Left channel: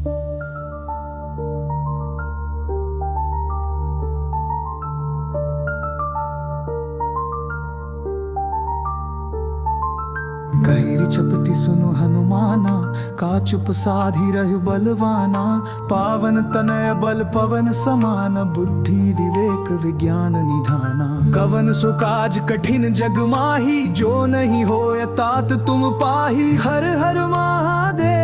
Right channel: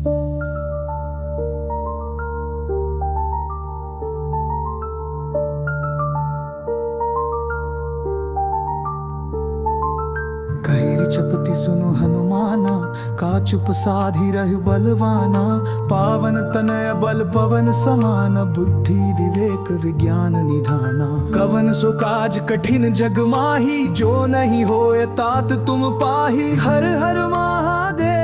कही चपति सुनु हनुमाना, का चुप साधी रहु बलवाना। पावन तनय बल पवन समान, बुद्धि विवेक विज्ञान निधाना। कवन सो काज कठिन जग माही, जो नहीं होय तात तुम पाही। हर हर महादेव।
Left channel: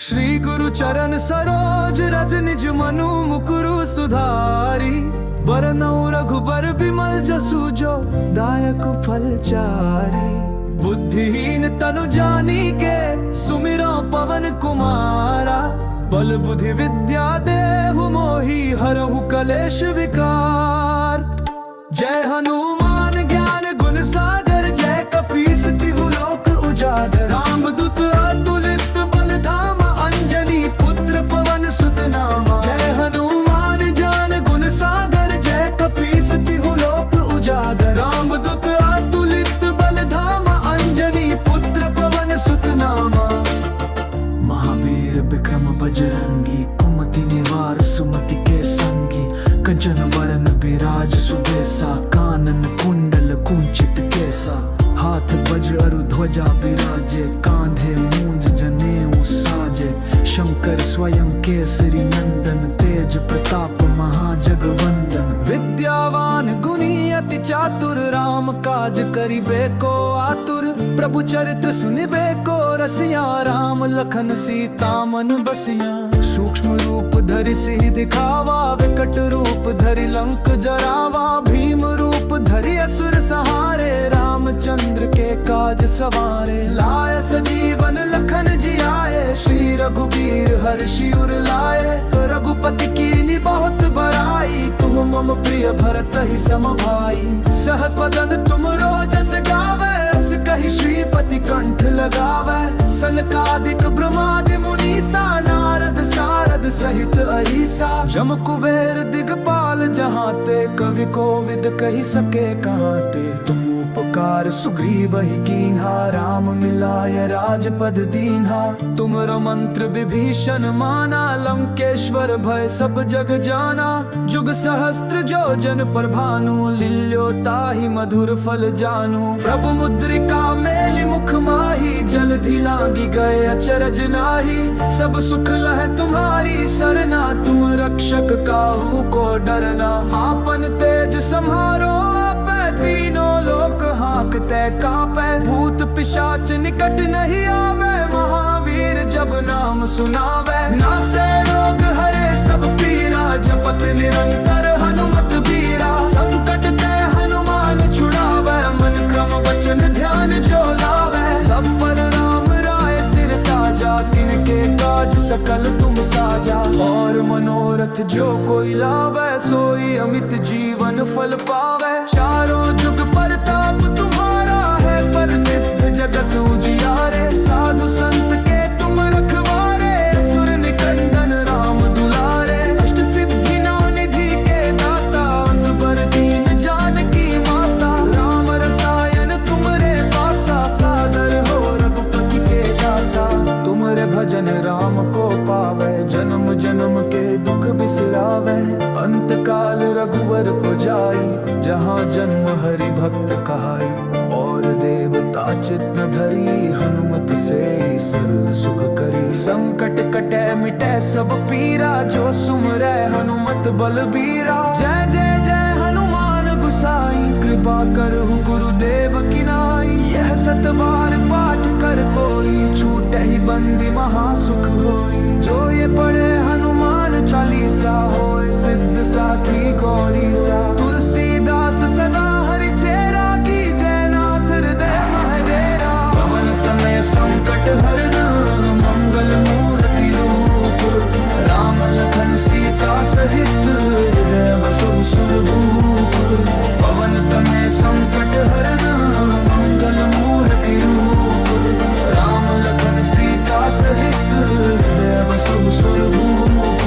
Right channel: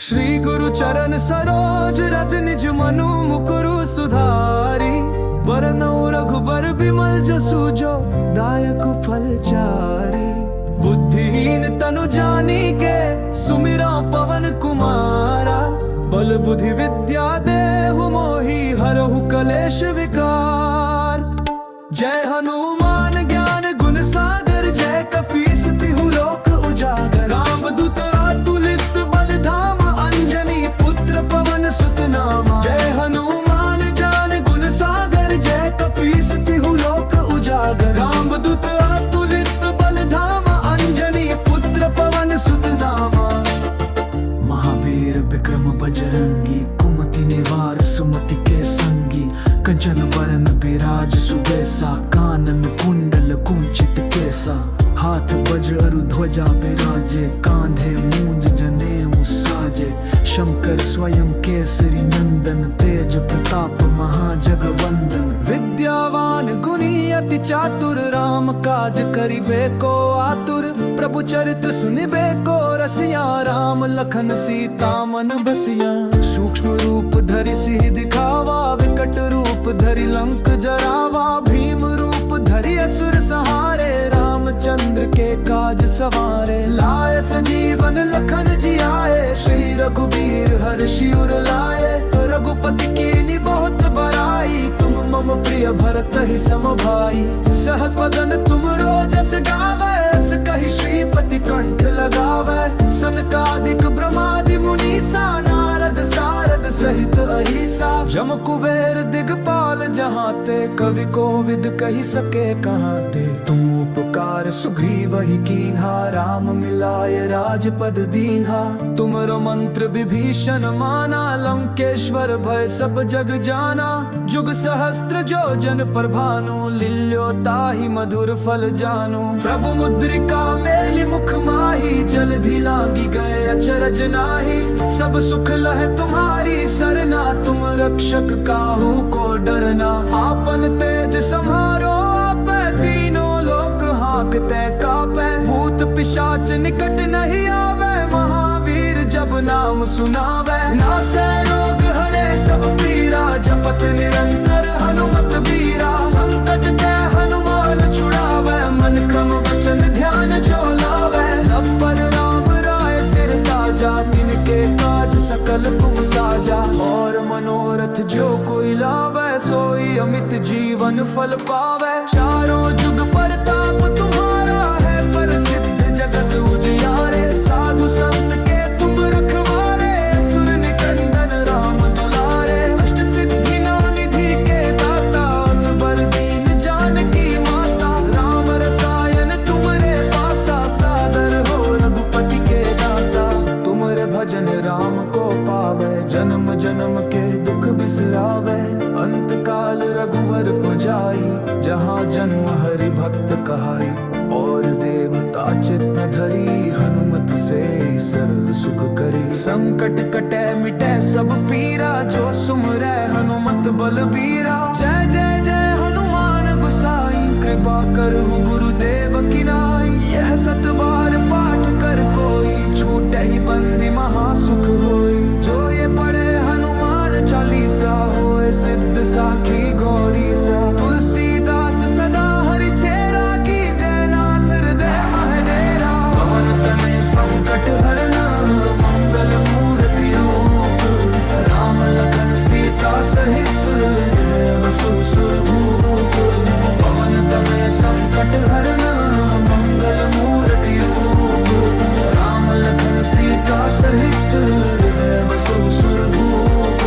श्री गुरु चरण सरोज रज, निज मनु मुकुरु सुधारी। बरनउँ रघुबर बिमल जसु, जो दायक फल चारी। बुद्धिहीन तनु जानिके, सुमिरौ पवन कुमारा। बल बुद्धि विद्या देहु मोहि, हरहु कलेश विकार। जय हनुमान ज्ञान गुण सागर, जय कपीस तिहु लोक उजागर। रामदूत अतुलित बल धामा, अंजनी पुत्र पवन सुत नामा। जय हनुमान ज्ञान गुण सागर, जय कपीस तिहु लोक उजागर। रामदूत अतुलित बल धामा, अंजनी पुत्र पवन सुत नामा। महावीर विक्रम बजरंगी, कुमति निवार सुमति के संगी। कंचन बरन बिराज सुबेसा, कानन कुंडल कुंचित केसा। हाथ वज्र अरु ध्वजा बिराजे, कांधे मूंज जनेऊ साजे। शंकर स्वयं केसरी नंदन, तेज प्रताप महाजगवंदन। विद्यावान गुणी अति चातुर, राम काज करिबे को आतुर। प्रभु चरित्र सुनिबे को रसिया, राम लखन सीता मन बसिया। सूक्ष्म रूप धरि सिहि दिखावा, विकट रूप धरि लंक जरावा। भीम रूप धरि असुर संहारे, रामचंद्र के काज सवारे। लाए सजीवन लखन जियाए, श्री रघुबीर हर्षि उर लाए। रघुपति कीन्ही बहुत बड़ाई, तुम मम प्रिय भरत ही सम भाई। सहस बदन तुम रोजस गावै, अस कहि श्रीपति कंठ लगावै। सनकादिक ब्रह्मादि मुनीसा, नारद सारद सहित अहिसा। जम कुबेर दिगपाल जहाँ ते, कवि कोविद कहि सके कहाँ ते। तुम उपकार सुग्रीव ही कीन्हा, राम मिलाय राजपद दीन्हा। तुमरो मंत्र विभीषण माना, लंकेश्वर भय सब जग जाना। जुग सहस्त्र जो जन पर भानु, लील्यो ताहि मधुर फल जानू। प्रभु मुद्रिका मेलि मुख माही, जलधि लांगी गए अचरज नाही। सब सुख लह तुम्हारी सरना, तुम रक्षक काहू को डरना। आपन तेज सम्हारो आपै, तीनों लोक हांकते कापै। भूत पिशाच निकट नहीं आवे, महावीर जब नाम सुनावे। नासै रोग हरे सब पीरा, जपत निरंतर हनुमत बीरा। संकट ते हनुमान छुड़ावे, मन क्रम वचन ध्यान जो लावे। सब पर राम राय सिर ताजा, तिनके काज सकल तुम साजा। और मनोरथ जो कोई लावे, सोई अमित जीवन फल पावे। चारों जुग परताप तुम्हारा है, प्रसिद्ध जगत उजियारे। साधु संत के तुम रखवारे, असुर निकंदन राम दुलारे। अष्ट सिद्धि नौ निधि के दाता, असबर दीन जानकी माता। राम रसायन तुमरे पासा, सादर हो रघुपति के दासा। तुमरे भजन राम को पावे, जन्म जन्म के दुख बिसरावे। अंत काल रघुवर पुजाई, जहाँ जन्म हरि भक्त कहाई। और देवता चित न धरी, हनुमत से सरल सुख करी। संकट कटे मिटे सब पीरा, जो सुमरै हनुमत बलबीरा। जय जय जय हनुमान गुसाई, कृपा करहु गुरुदेव की नाई। यह सत बार पाठ कर कोई, छूटे ही बंदी महासुख होई। जो ये पढ़े हनुमान चालीसा, होए सिद्ध साखी गौरी सा। तुलसीदास सदा हरि चेरा, की जय नाथ हृदय महडेरा। पवन तनय संकट हरन, मंगल मूर्ति रूप। राम लखन सीता सहित, हृदय बसहु सुरभूप। पवन तनय संकट हरन, मंगल मूर्ति रूप। राम लखन सीता सहित, हृदय बसहु सुरभूप।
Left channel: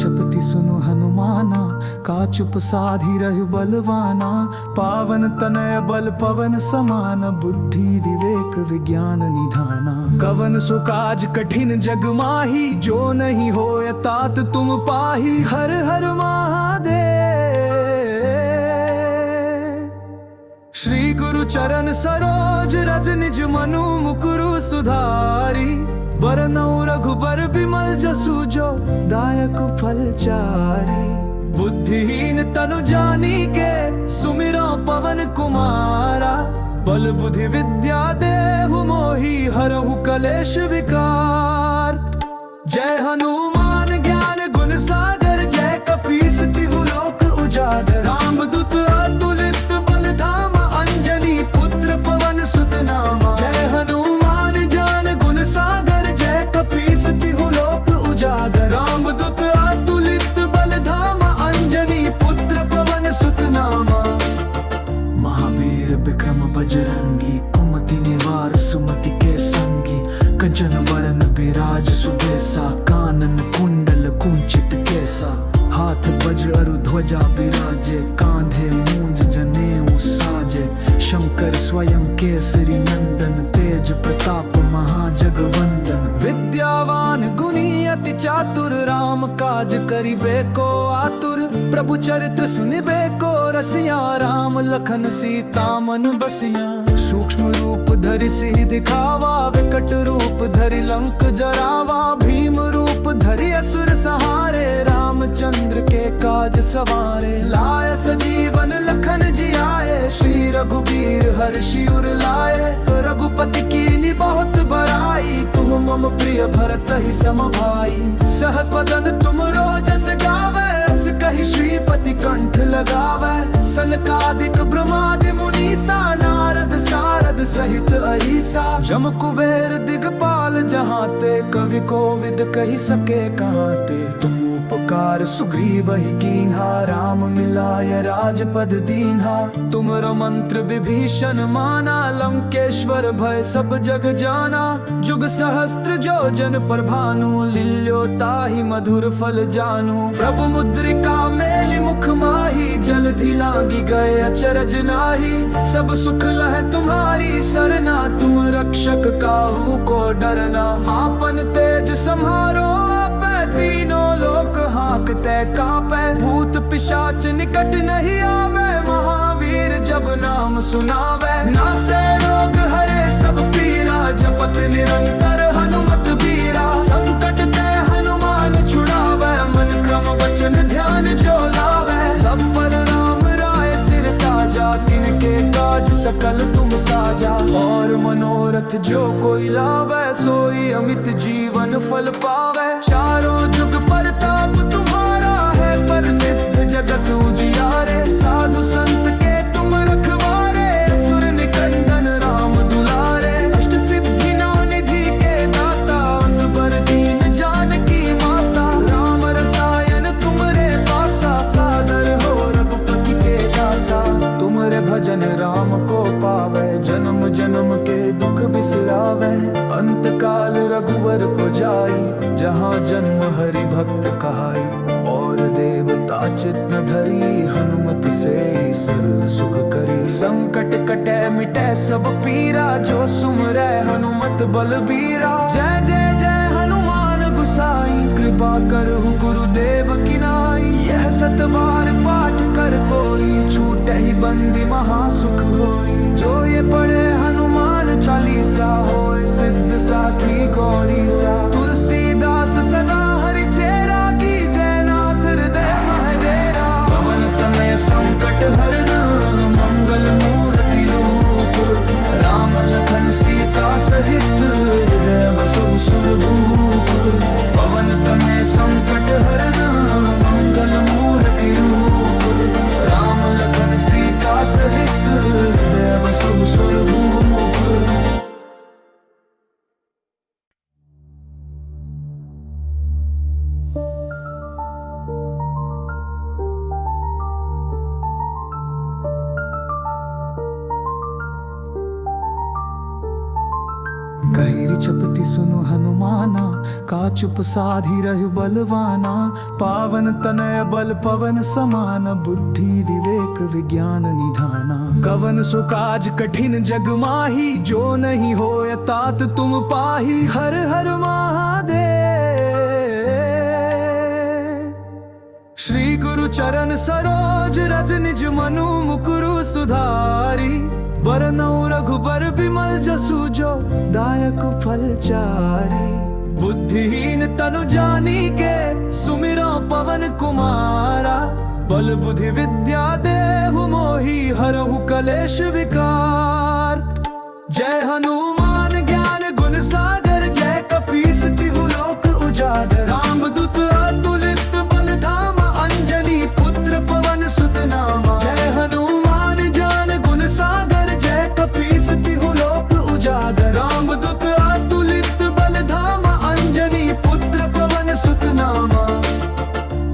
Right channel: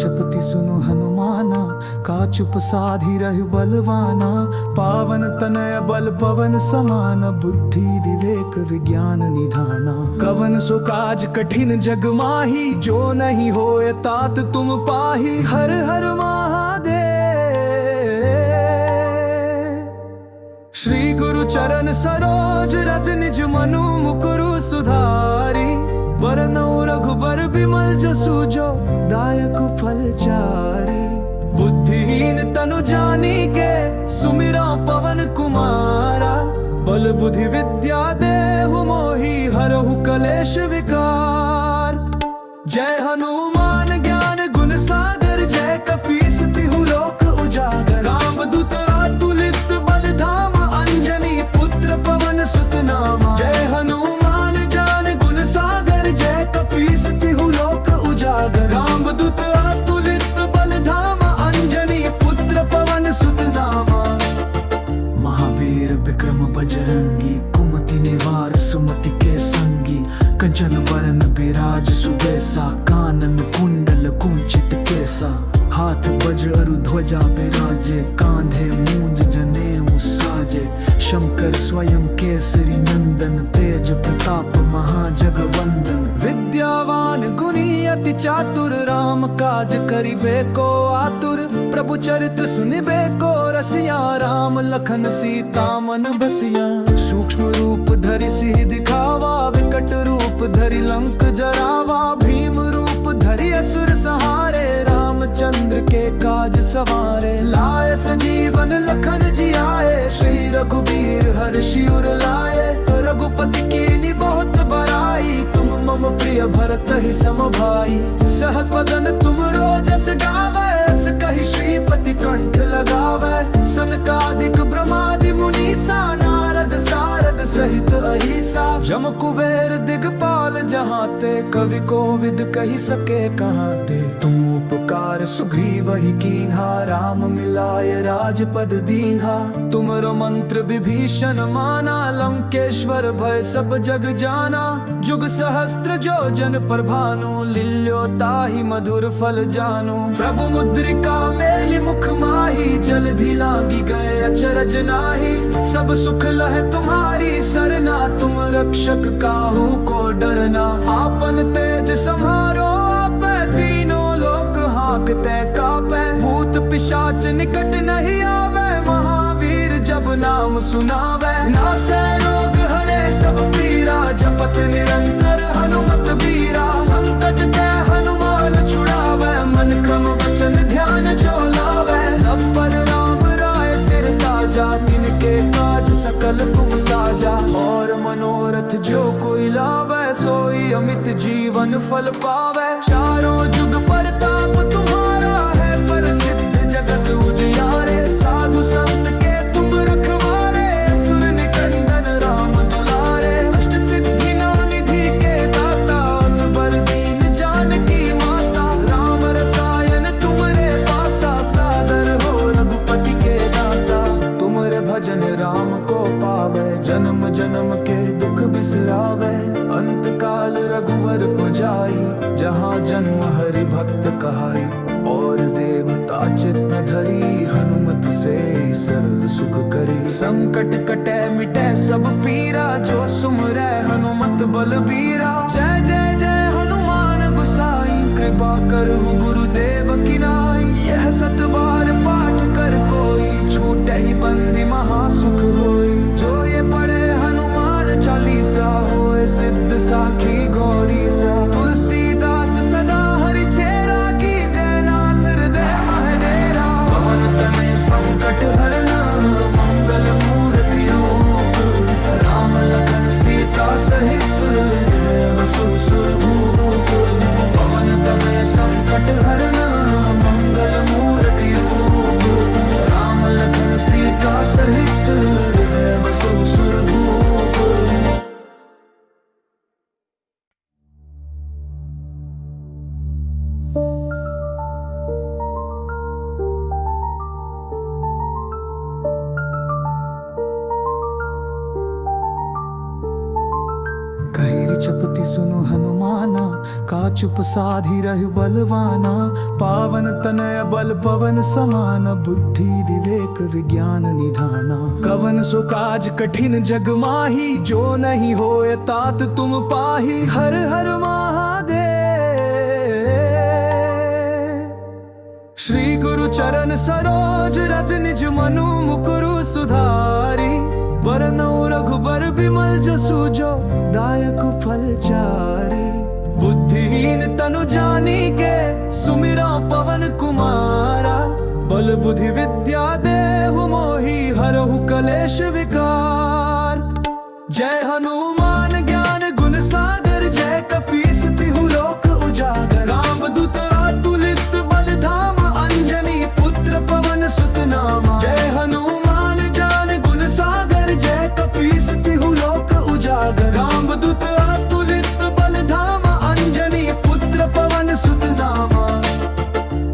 जपति सुनो हनुमाना, का चुप साधी रहु बलवाना। पावन तनय बल पवन समान, बुद्धि विवेक विज्ञान निधाना। कवन सो काज कठिन जग माही, जो नहीं होए तात तुम पाही। हर हर महादेव। श्री गुरु चरण सरोज रज निज मनु मुकुरु सुधारी। बरनउँ रघुबर बिमल जसु, जो दायक फल चारी। बुद्धिहीन तनु जानी के, सुमिरो पवन कुमारा। बल बुद्धि विद्या देहु मोहि, हरहु कलेश विकार। जय हनुमान ज्ञान गुण सागर, जय कपीस तिहु लोक उजागर। रामदूत अतुलित बल धामा, अंजनी पुत्र पवन सुत नामा। जय हनुमान ज्ञान गुण सागर, जय कपीस तिहु लोक उजागर। रामदूत अतुलित बल धामा, अंजनी पुत्र पवन सुत नामा। महावीर विक्रम बजरंगी, कुमति निवार सुमति के संगी। कंचन बरन बिराज सुबेसा, कानन कुंडल कुंचित केसा। हाथ वज्र अरु ध्वजा बिराजे, कांधे मूंज जनेऊ साजे। शंकर स्वयं केसरी नंदन, तेज प्रताप महाजगवंदन। विद्यावान गुणी अति चातुर, राम काज करिबे को आतुर। प्रभु चरित्र सुनिबे को रसिया, राम लखन सीता मन बसिया। सूक्ष्म रूप धरि सिहि दिखावा, विकट रूप धरि लंक जरावा। भीम रूप धरि असुर संहारे, रामचंद्र के काज सवारे। लाए सजीवन लखन जियाए, श्री रघुबीर हर्षि उर लाए। रघुपति कीन्ही बहुत बड़ाई, तुम मम प्रिय भरत ही सम भाई। सहस बदन तुम रोजस गावे, अस कहि श्रीपति कंठ लगावे। सनकादिक ब्रह्मादि मुनीसा, नारद सारद सहित अहिसा। जम कुबेर दिगपाल जहाते, कवि कोविद कहि सके कहाते। तुम उपकार सुग्रीव ही कीन्हा, राम मिलाय राजपद दीन्हा। तुमरो मंत्र विभीषण माना, लंकेश्वर भय सब जग जाना। जुग सहस्त्र जो जन पर भानु, लील्यो ताहि मधुर फल जानू। प्रभु मुद्रिका मेलि मुख माही, जलधि लांगी गए अचरज नाही। सब सुख लह तुम्हारी सरना, तुम रक्षक काहू को डरना। आपन तेज सम्हारो आपै, तीनों लोक हांकते कापै। भूत पिशाच निकट नहीं आवे, महावीर जब नाम सुनावे। नासै रोग हरे सब पीरा, जपत निरंतर हनुमत बीरा। संकट ते हनुमान छुड़ावे, मन क्रम वचन ध्यान जो लावे। सब पर राम राय सिर ताजा, तिनके काज सकल तुम साजा। और मनोरथ जो कोई लावे, सोई अमित जीवन फल पावे। चारों जुग परताप तुम्हारा है, प्रसिद्ध जगत उजियारे। साधु संत के तुम रखवारे, असुर निकंदन राम दुलारे। अष्ट सिद्धि नौ निधि के दाता, असबर दीन जानकी माता। राम रसायन तुमरे पासा, सादर हो रघुपति के दासा। तुमरे भजन राम को पावे, जन्म जन्म के दुख बिसरावे। अंत काल रघुवर पुजाई, जहाँ जन्म हरि भक्त कहाई। और देवता चित न धरी, हनुमत से सरल सुख करी। संकट कटे मिटे सब पीरा, जो सुमरै हनुमत बलबीरा। जय जय जय हनुमान गुसाई, कृपा करहु गुरुदेव की नाई। यह सत बार पाठ कर कोई, छूटे ही बंदी महासुख होई। जो ये पढ़े हनुमान चालीसा, होए सिद्ध साखी गौरी सा। तुलसीदास सदा हरि चेरा, की जय नाथ हृदय महडेरा। पवन तनय संकट हरन, मंगल मूर्ति रूप। राम लखन सीता सहित, हृदय बसहु सुरभूप। पवन तनय संकट हरन, मंगल मूर्ति रूप। राम लखन सीता सहित, हृदय बसहु सुरभूप। कहीं मेरी चपती सुनो हनुमाना, का चुप साधी रह बलवाना। पावन तनय बल पवन समान, बुद्धि विवेक विज्ञान निधाना। कवन सो काज कठिन जग माही, जो नहीं होए तात तुम पाही। हर हर महादेव। श्री गुरु चरण सरोज रज निज मनु मुकुरु सुधारी। बरनउँ रघुबर बिमल जसु, जो दायक फल चारी। बुद्धिहीन तनु जानिके, सुमिरौ पवन कुमारा। बल बुद्धि विद्या देहु मोहि, हरहु कलेश विकार। जय हनुमान ज्ञान गुण सागर, जय कपीस तिहु लोक उजागर। रामदूत अतुलित बल धामा, अंजनी पुत्र पवन सुत नामा। जय हनुमान ज्ञान गुण सागर, जय कपीस तिहु लोक उजागर। रामदूत अतुलित बल धामा, अंजनी पुत्र पवन सुत नामा।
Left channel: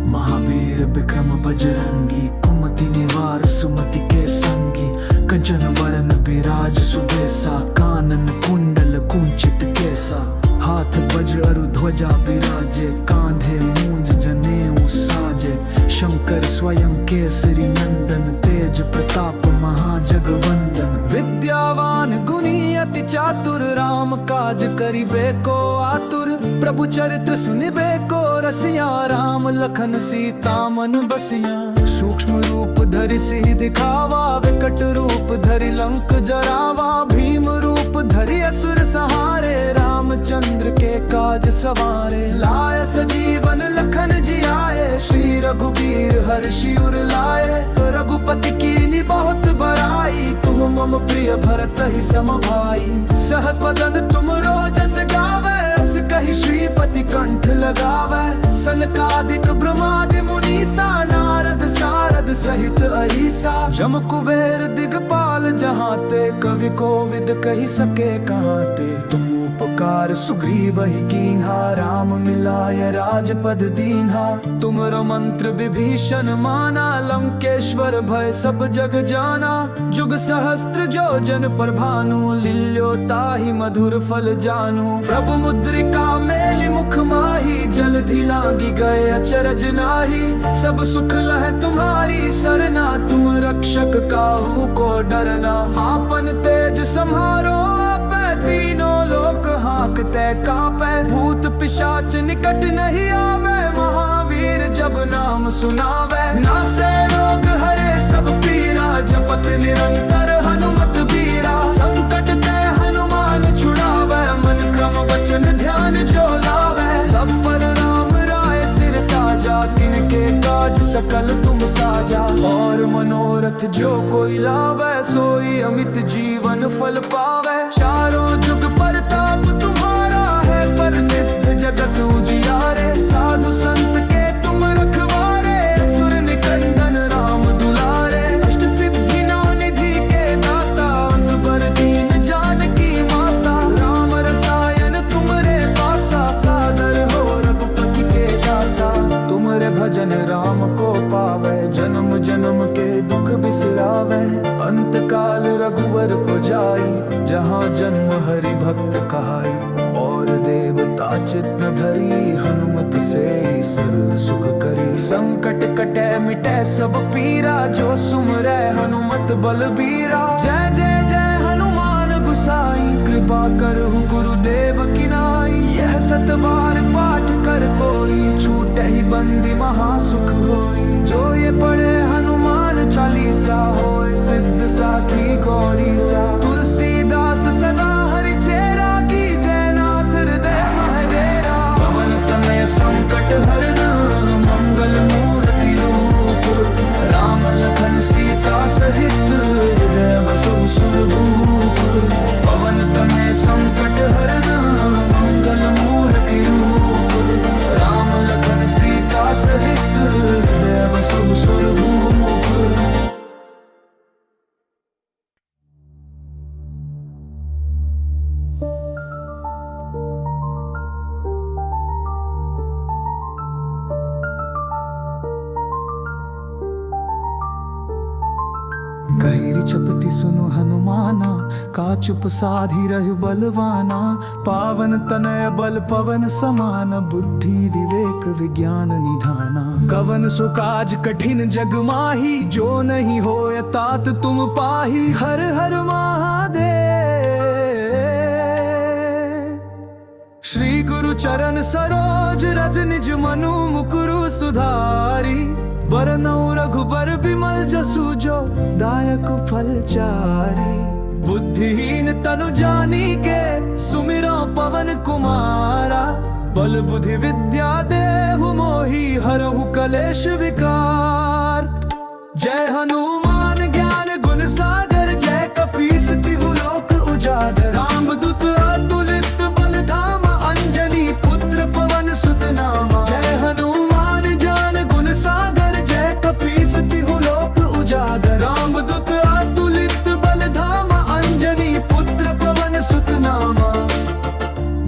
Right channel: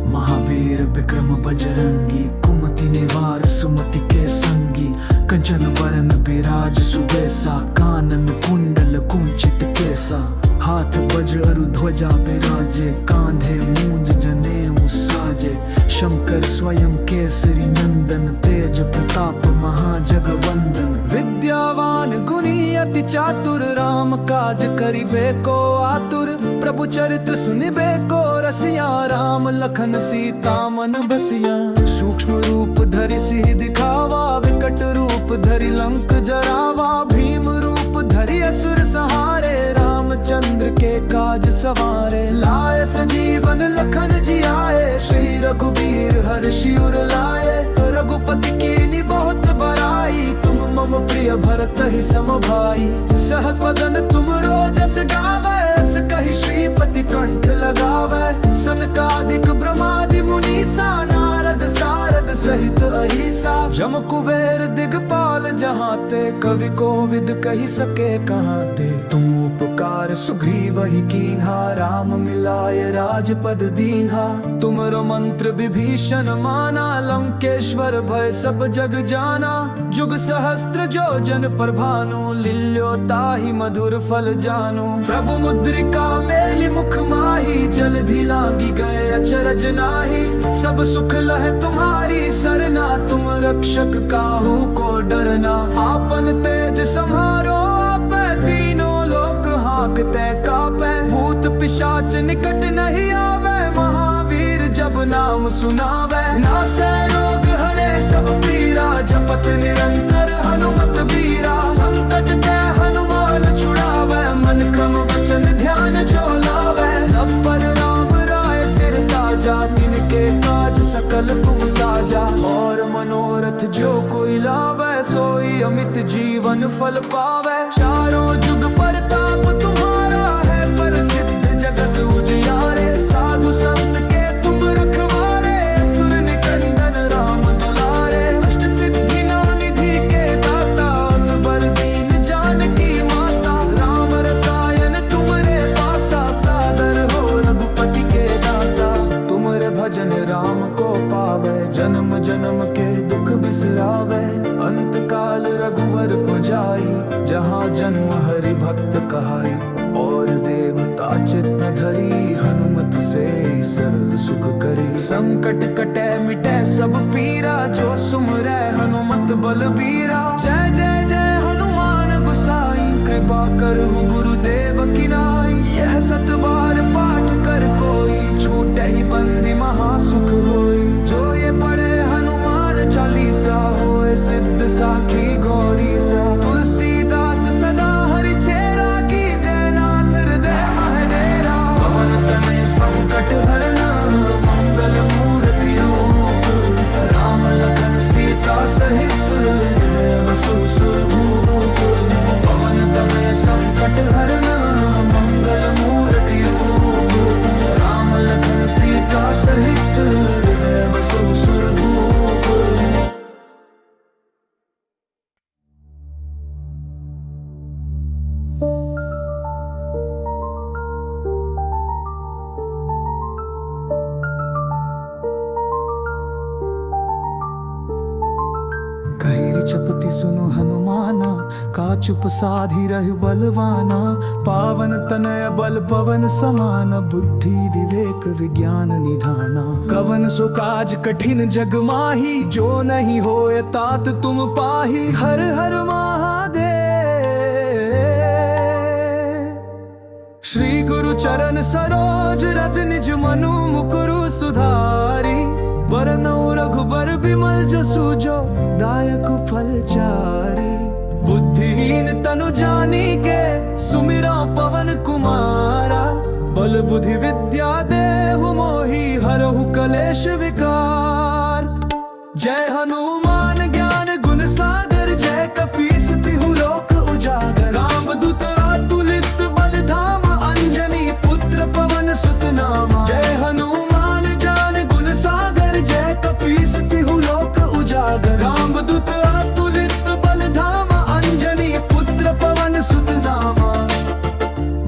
महावीर विक्रम बजरंगी, कुमति निवार सुमति के संगी। कंचन बरन बिराज सुबेसा, कानन कुंडल कुंचित केसा। हाथ वज्र अरु ध्वजा बिराजे, कांधे मूंज जनेऊ साजे। शंकर स्वयं केसरी नंदन, तेज प्रताप महाजगवंदन। विद्यावान गुणी अति चातुर, राम काज करिबे को आतुर। प्रभु चरित्र सुनिबे को रसिया, राम लखन सीता मन बसिया। सूक्ष्म रूप धरि सिहि दिखावा, विकट रूप धरि लंक जरावा। भीम रूप धरि असुर संहारे, रामचंद्र के काज सवारे। लाए सजीवन लखन जियाए, श्री रघुबीर हर्षि उर लाए। रघुपति कीन्ही बहुत बड़ाई, तुम मम प्रिय भरत ही सम भाई। सहस बदन तुम रोजस गावै, अस कहि श्रीपति कंठ लगावै। सनकादिक ब्रह्मादि मुनीसा, नारद सारद सहित अहिसा। जम कुबेर दिगपाल जहाँ ते, कवि कोविद कहि सके कहाँ ते। तुम उपकार सुग्रीव ही कीन्हा, राम मिलाय राजपद दीन्हा। तुमरो मंत्र विभीषण माना, लंकेश्वर भय सब जग जाना। जुग सहस्त्र जो जन पर भानु, लील्यो ताहि मधुर फल जानू। प्रभु मुद्रिका मेलि मुख माही, जलधि लांगी गए अचरज नाही। सब सुख लह तुम्हारी सरना, तुम रक्षक काहू को डरना। आपन तेज सम्हारो आपै, तीनों लोक हांकते कापै। भूत पिशाच निकट नहीं आवे, महावीर जब नाम सुनावे। नासै रोग हरे सब पीरा, जपत निरंतर हनुमत बीरा। संकट ते हनुमान छुड़ावे, मन क्रम वचन ध्यान जो लावे। सब पर राम राय सिर ताजा, तिनके काज सकल तुम साजा। और मनोरथ जो कोई लावे, सोई अमित जीवन फल पावे। चारों जुग परताप तुम्हारा है, प्रसिद्ध जगत उजियारे। साधु संत के तुम रखवारे, असुर निकंदन राम दुलारे। अष्ट सिद्धि नौ निधि के दाता, असबर दीन जानकी माता। राम रसायन तुमरे पासा, सादर हो रघुपति के दासा। तुमरे भजन राम को पावे, जन्म जन्म के दुख बिसरावे। अंत काल रघुवर पुजाई, जहाँ जन्म हरि भक्त कहाई। और देवता चित न धरी, हनुमत से सरल सुख करी। संकट कटे मिटे सब पीरा, जो सुमरै हनुमत बलबीरा। जय जय जय हनुमान गुसाई, कृपा करहु गुरुदेव की नाई। यह सत बार पाठ कर कोई, छूटे ही बंदी महासुख होई। जो ये पढ़े हनुमान चालीसा, होए सिद्ध साखी गौरी सा। तुलसीदास सदा हरि चेरा, की जय नाथ हृदय महडेरा। पवन तनय संकट हरन, मंगल मूर्ति रूप। राम लखन सीता सहित, हृदय बसहु सुरभूप। पवन तनय संकट हरन, मंगल मूर्ति रूप। राम लखन सीता सहित, हृदय बसहु सुरभूप। विचपति सुनु हनुमाना, का चुप साधी रहु बलवाना। पावन तनय बल पवन समान, बुद्धि विवेक विज्ञान निधाना। कवन सो काज कठिन जग माही, जो नहीं होए तात तुम पाही। हर हर महादेव। श्री गुरु चरण सरोज रज निज मनु मुकुरु सुधारी। बरनउँ रघुबर बिमल जसु, जो दायक फल चारी। बुद्धिहीन तनु जानी के, सुमिरो पवन कुमारा। बल बुद्धि विद्या देहु मोहि, हरहु कलेश विकार। जय हनुमान ज्ञान गुण सागर, जय कपीस तिहु लोक उजागर। रामदूत अतुलित बल धामा, अंजनी पुत्र पवन सुत नामा। जय हनुमान ज्ञान गुण सागर, जय कपीस तिहु लोक उजागर। रामदूत अतुलित बल धामा, अंजनी पुत्र पवन सुत नामा।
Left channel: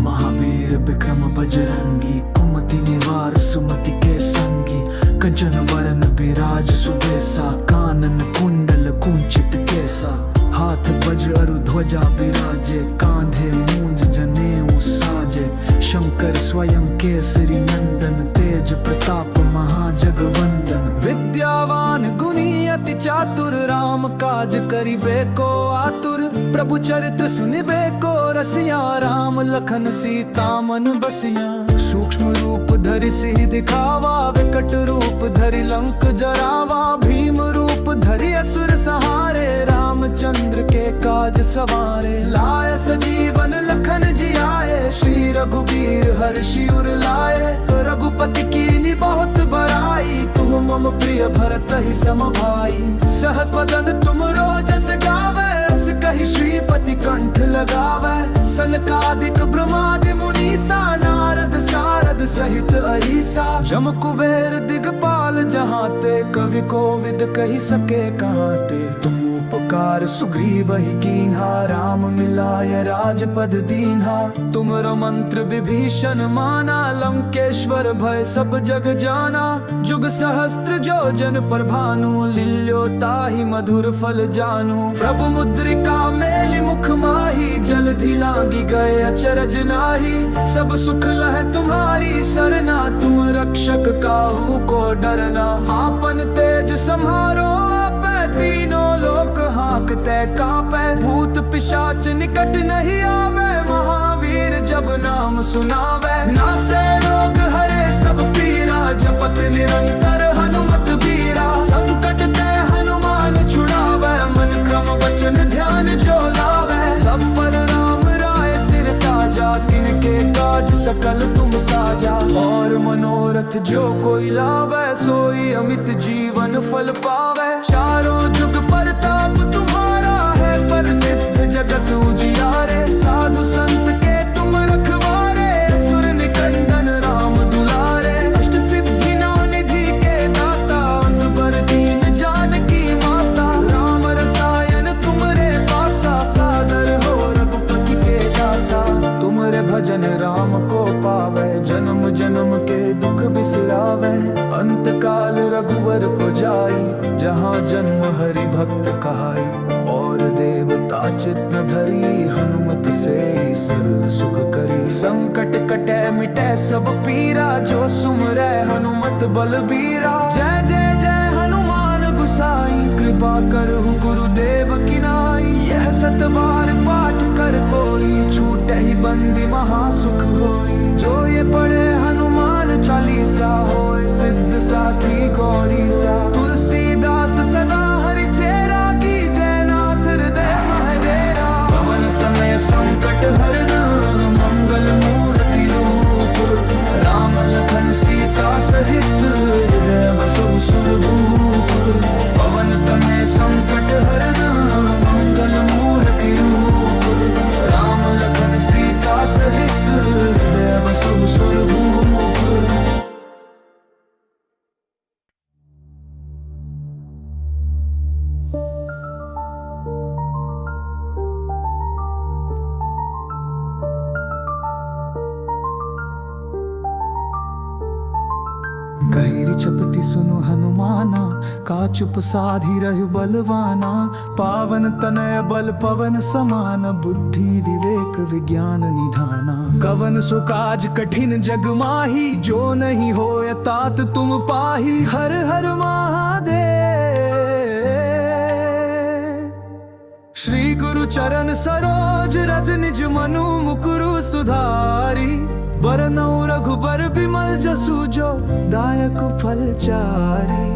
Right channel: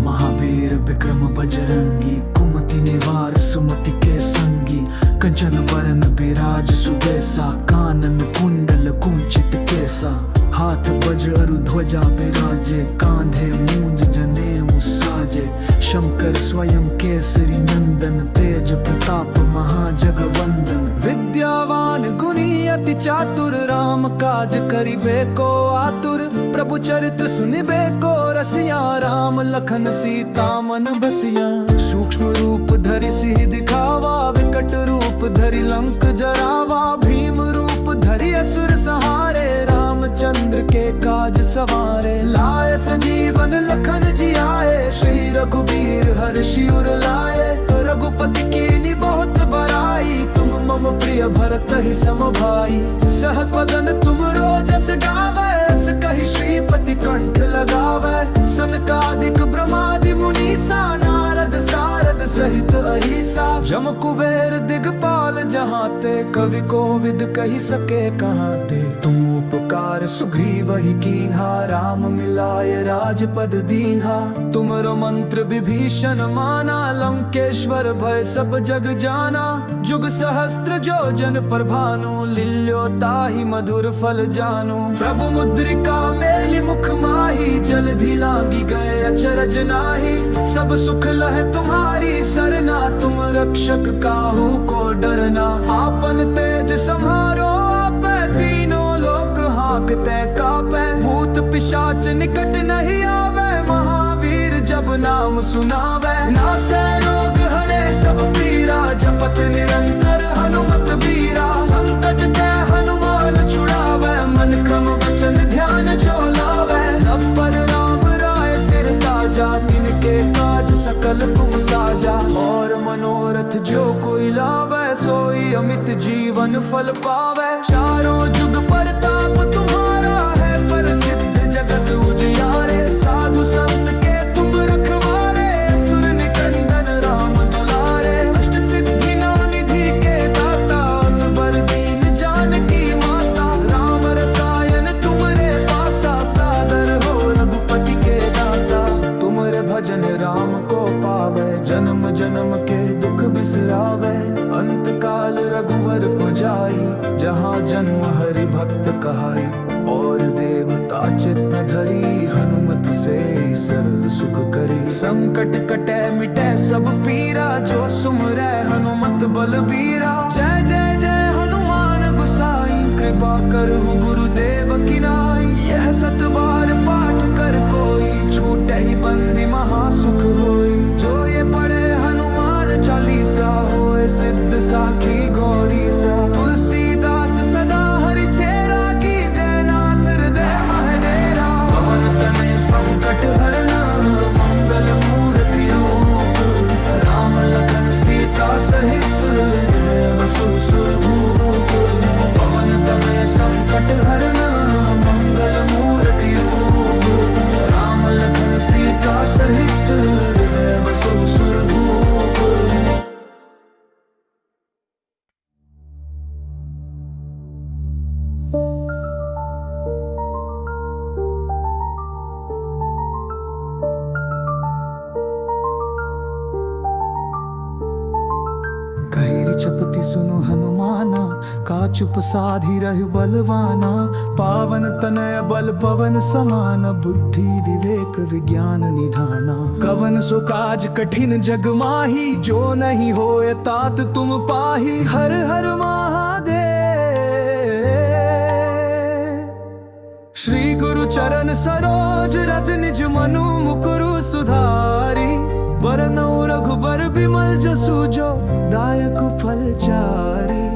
महावीर विक्रम बजरंगी, कुमति निवार सुमति के संगी। कंचन बरन बिराज सुबेसा, कानन कुंडल कुंचित केसा। हाथ वज्र अरु ध्वजा बिराजे, कांधे मूंज जनेऊ साजे। शंकर स्वयं केसरी नंदन, तेज प्रताप महाजगवंदन। विद्यावान गुणी अति चातुर, राम काज करिबे को आतुर। प्रभु चरित्र सुनिबे को रसिया, राम लखन सीता मन बसिया। सूक्ष्म रूप धरि सिहि दिखावा, विकट रूप धरि लंक जरावा। भीम रूप धरि असुर संहारे, रामचंद्र के काज सवारे। लाए सजीवन लखन जियाए, श्री रघुबीर हर्षि उर लाए। रघुपति कीन्ही बहुत बड़ाई, तुम मम प्रिय भरत ही सम भाई। सहस बदन तुम रोजस गावै, अस कहि श्रीपति कंठ लगावै। सनकादिक ब्रह्मादि मुनीसा, नारद सारद सहित अहिसा। जम कुबेर दिगपाल जहाँ ते, कवि कोविद कहि सके कहाँ ते। तुम उपकार सुग्रीव ही कीन्हा, राम मिलाय राजपद दीन्हा। तुमरो मंत्र विभीषण माना, लंकेश्वर भय सब जग जाना। जुग सहस्त्र जो जन पर भानु, लील्यो ताहि मधुर फल जानू। प्रभु मुद्रिका मेलि मुख माही, जलधि लांगी गए अचरज नाही। सब सुख लह तुम्हारी सरना, तुम रक्षक काहू को डरना। आपन तेज सम्हारो आपै, तीनों लोक हांकते कापै। भूत पिशाच निकट नहीं आवे, महावीर जब नाम सुनावे। नासै रोग हरे सब पीरा, जपत निरंतर हनुमत बीरा। संकट ते हनुमान छुड़ावे, मन क्रम वचन ध्यान जो लावे। सब पर राम राय सिर ताजा, तिनके काज सकल तुम साजा। और मनोरथ जो कोई लावे, सोई अमित जीवन फल पावे। चारों जुग परताप तुम्हारा है, प्रसिद्ध जगत उजियारे। साधु संत के तुम रखवारे, असुर निकंदन राम दुलारे। अष्ट सिद्धि नौ निधि के दाता, असबर दीन जानकी माता। राम रसायन तुमरे पासा, सादर हो रघुपति के दासा। तुमरे भजन राम को पावे, जन्म जन्म के दुख बिसरावे। अंत काल रघुवर पुजाई, जहाँ जन्म हरि भक्त कहाई। और देवता चित न धरी, हनुमत से सरल सुख करी। संकट कटे मिटे सब पीरा, जो सुमरै हनुमत बलबीरा। जय जय जय हनुमान गुसाई, कृपा करहु गुरुदेव की नाई। यह सत बार पाठ कर कोई, छूटे ही बंदी महासुख होई। जो ये पढ़े हनुमान चालीसा, होए सिद्ध साखी गौरी सा। तुलसीदास सदा हरि चेरा, की जय नाथ हृदय महडेरा। पवन तनय संकट हरन, मंगल मूर्ति रूप। राम लखन सीता सहित, हृदय बसहु सुरभूप। पवन तनय संकट हरन, मंगल मूर्ति रूप। राम लखन सीता सहित, हृदय बसहु सुरभूप। जपति सुनु हनुमाना, का चुप साधी रहु बलवाना। पावन तनय बल पवन समान, बुद्धि विवेक विज्ञान निधाना। कवन सो काज कठिन जग माही, जो नहीं होए तात तुम पाही। हर हर महादेव। श्री गुरु चरण सरोज रज निज मनु मुकुरु सुधारी। बरनउँ रघुबर बिमल जसु, जो दायक फल चारी।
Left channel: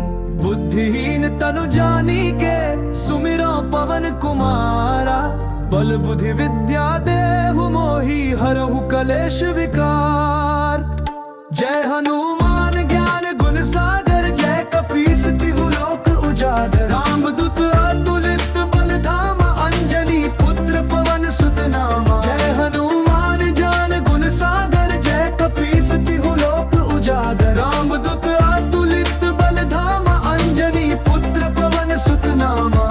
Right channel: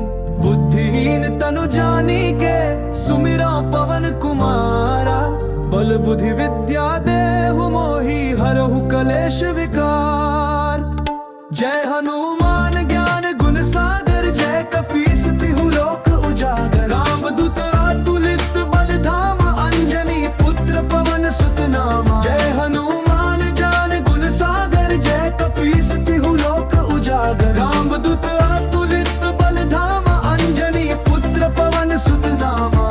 बुद्धिहीन तनु जानिके, सुमिरौ पवन कुमारा। बल बुद्धि विद्या देहु मोहि, हरहु कलेश विकार। जय हनुमान ज्ञान गुण सागर, जय कपीस तिहु लोक उजागर। रामदूत अतुलित बल धामा, अंजनी पुत्र पवन सुत नामा। जय हनुमान ज्ञान गुण सागर, जय कपीस तिहु लोक उजागर। रामदूत अतुलित बल धामा, अंजनी पुत्र पवन सुत नामा।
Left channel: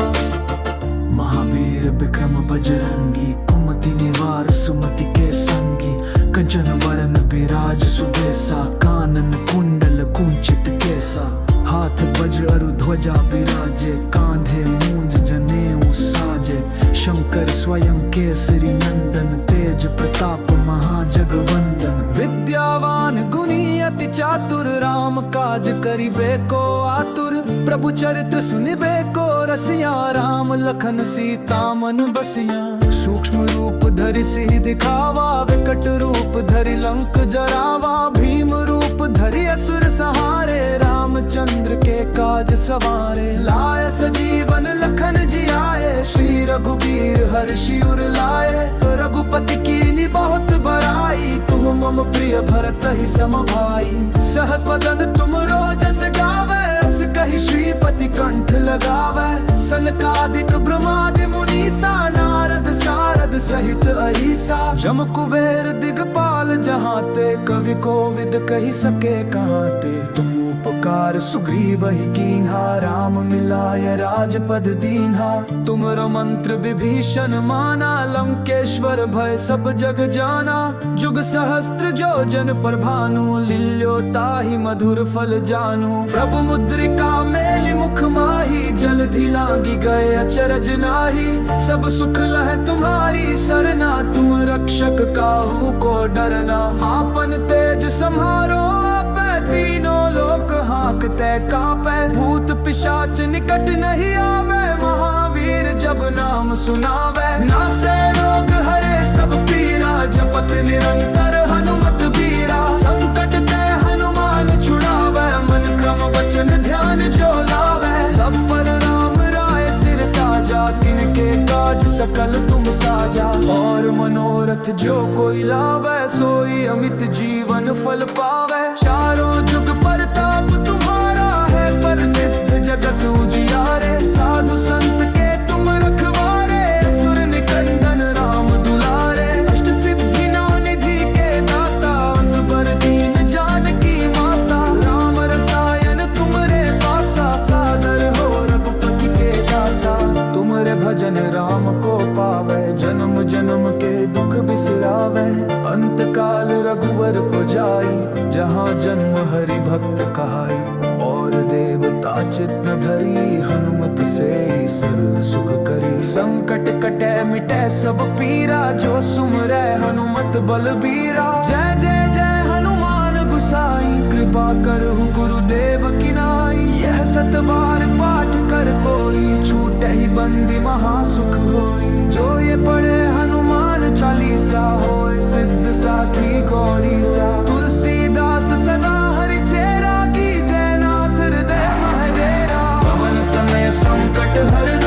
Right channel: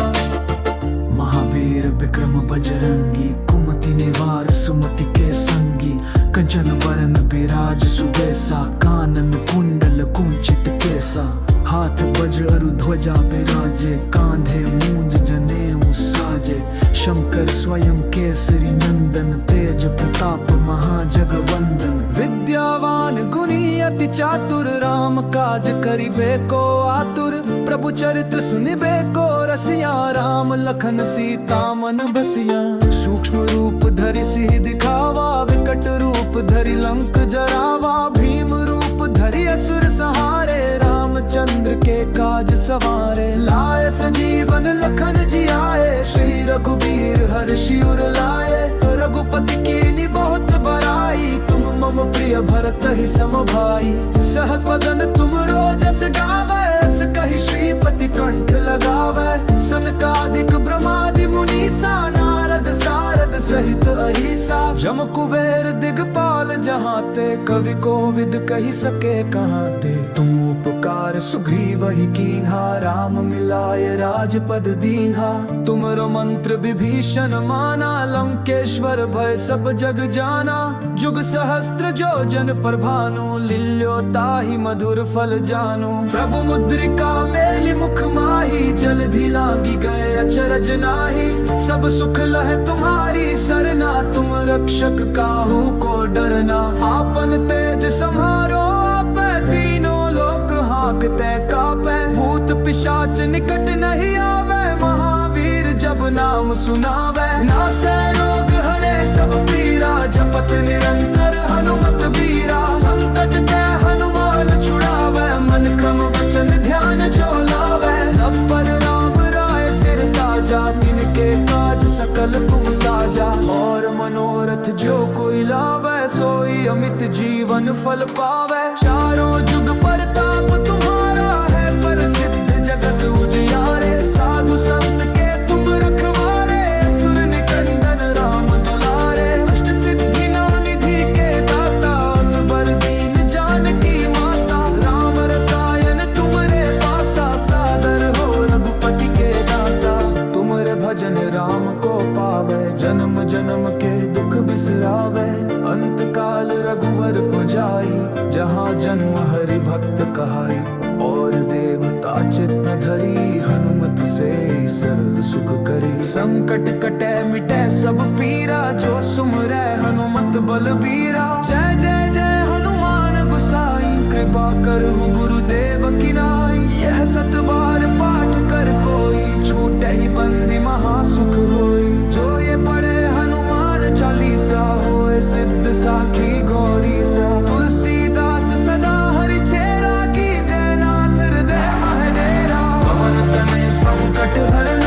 महावीर विक्रम बजरंगी, कुमति निवार सुमति के संगी। कंचन बरन बिराज सुबेसा, कानन कुंडल कुंचित केसा। हाथ वज्र अरु ध्वजा बिराजे, कांधे मूंज जनेऊ साजे। शंकर स्वयं केसरी नंदन, तेज प्रताप महाजगवंदन। विद्यावान गुणी अति चातुर, राम काज करिबे को आतुर। प्रभु चरित्र सुनिबे को रसिया, राम लखन सीता मन बसिया। सूक्ष्म रूप धरि सिहि दिखावा, विकट रूप धरि लंक जरावा। भीम रूप धरि असुर संहारे, रामचंद्र के काज सवारे। लाए सजीवन लखन जियाए, श्री रघुबीर हर्षि उर लाए। रघुपति कीनी बहुत बड़ाई, तुम मम प्रिय भरत ही सम भाई। सहस बदन तुम रोजस गावे, अस कहि श्रीपति कंठ लगावे। सनकादिक ब्रह्मादि मुनीसा, नारद सारद सहित अहिसा। जम कुबेर दिगपाल जहाते, कवि कोविद कहि सके कहाते। तुम उपकार सुग्रीव ही कीन्हा, राम मिलाय राजपद दीन्हा। तुमरो मंत्र विभीषण माना, लंकेश्वर भय सब जग जाना। जुग सहस्त्र जो जन पर भानु, लील्यो ताहि मधुर फल जानू। प्रभु मुद्रिका मेलि मुख माही, जलधि लांगी गए अचरज नाही। सब सुख लह तुम्हारी सरना, तुम रक्षक काहू को डरना। आपन तेज सम्हारो आपै, तीनों लोक हांकते कापै। भूत पिशाच निकट नहीं आवे, महावीर जब नाम सुनावे। नासै रोग हरे सब पीरा, जपत निरंतर हनुमत बीरा। संकट ते हनुमान छुड़ावे, मन क्रम वचन ध्यान जो लावे। सब पर राम राय सिर ताजा, तिनके काज सकल तुम साजा। और मनोरथ जो कोई लावे, सोई अमित जीवन फल पावे। चारों जुग परताप तुम्हारा है, प्रसिद्ध जगत उजियारे। साधु संत के तुम रखवारे, असुर निकंदन राम दुलारे। अष्ट सिद्धि नौ निधि के दाता, असबर दीन जानकी माता। राम रसायन तुमरे पासा, सादर हो रघुपति के दासा। तुमरे भजन राम को पावे, जन्म जन्म के दुख बिसरावे। अंत काल रघुवर पुजाई, जहाँ जन्म हरि भक्त कहाई। और देवता चित न धरी, हनुमत से सरल सुख करी। संकट कटे मिटे सब पीरा, जो सुमरै हनुमत बलबीरा। जय जय जय हनुमान गुसाई, कृपा करहु गुरुदेव की नाई। यह सत बार पाठ कर कोई, छूटे ही बंदी महासुख होई। जो ये पढ़े हनुमान चालीसा, होए सिद्ध साखी गौरी सा। तुलसीदास सदा हरि चेरा, की जय नाथ हृदय महडेरा। पवन तनय संकट हरन,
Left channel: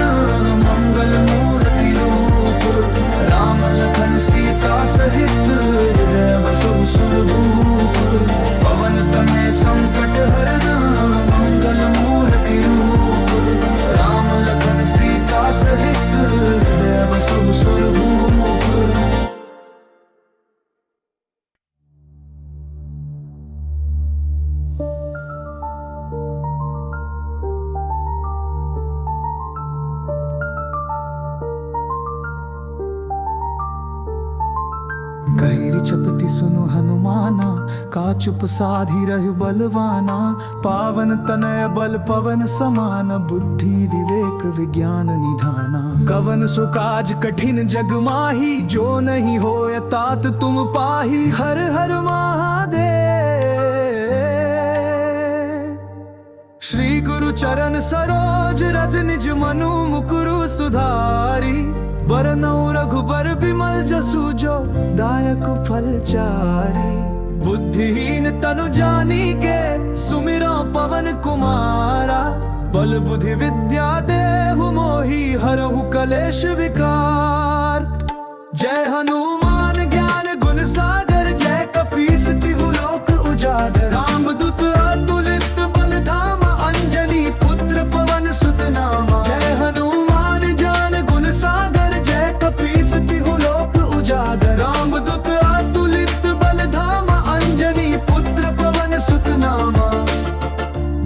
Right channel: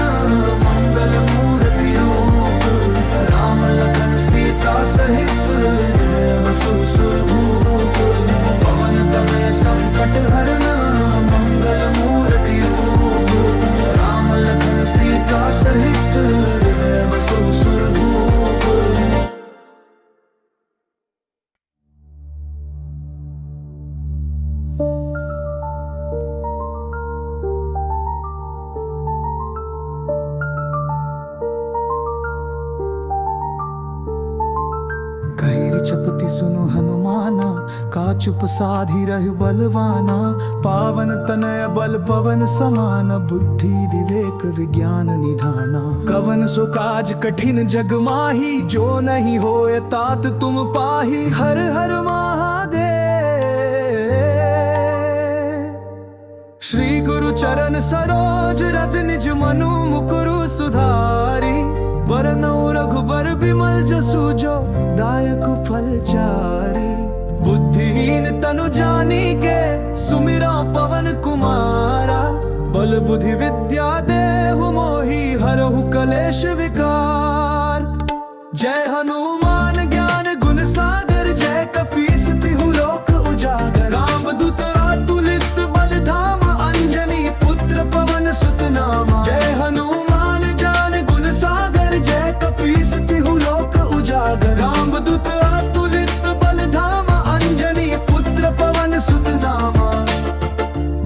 मंगल मूर्ति रूप। राम लखन सीता सहित, हृदय बसहु सुरभूप। पवन तनय संकट हरन, मंगल मूर्ति रूप। राम लखन सीता सहित, हृदय बसहु सुरभूप। कहिरी चपती सुनो हनुमाना, का चुप साधी रहु बलवाना। पावन तनय बल पवन समान, बुद्धि विवेक विज्ञान निधाना। कवन सो काज कठिन जग माही, जो नहीं होय तात तुम पाही। हर हर महादेव। श्री गुरु चरण सरोज रज निज मनु मुकुरु सुधारी। बरनउँ रघुबर बिमल जसु जो, दायक फल चारी। बुद्धिहीन तनु जानिके, सुमिरौ पवन कुमारा। बल बुद्धि विद्या देहु मोहि, हरहु कलेश विकार। जय हनुमान ज्ञान गुण सागर, जय कपीस तिहु लोक उजागर। रामदूत अतुलित बल धामा, अंजनी पुत्र पवन सुत नामा। जय हनुमान ज्ञान गुण सागर, जय कपीस तिहु लोक उजागर। रामदूत अतुलित बल धामा, अंजनी पुत्र पवन सुत नामा।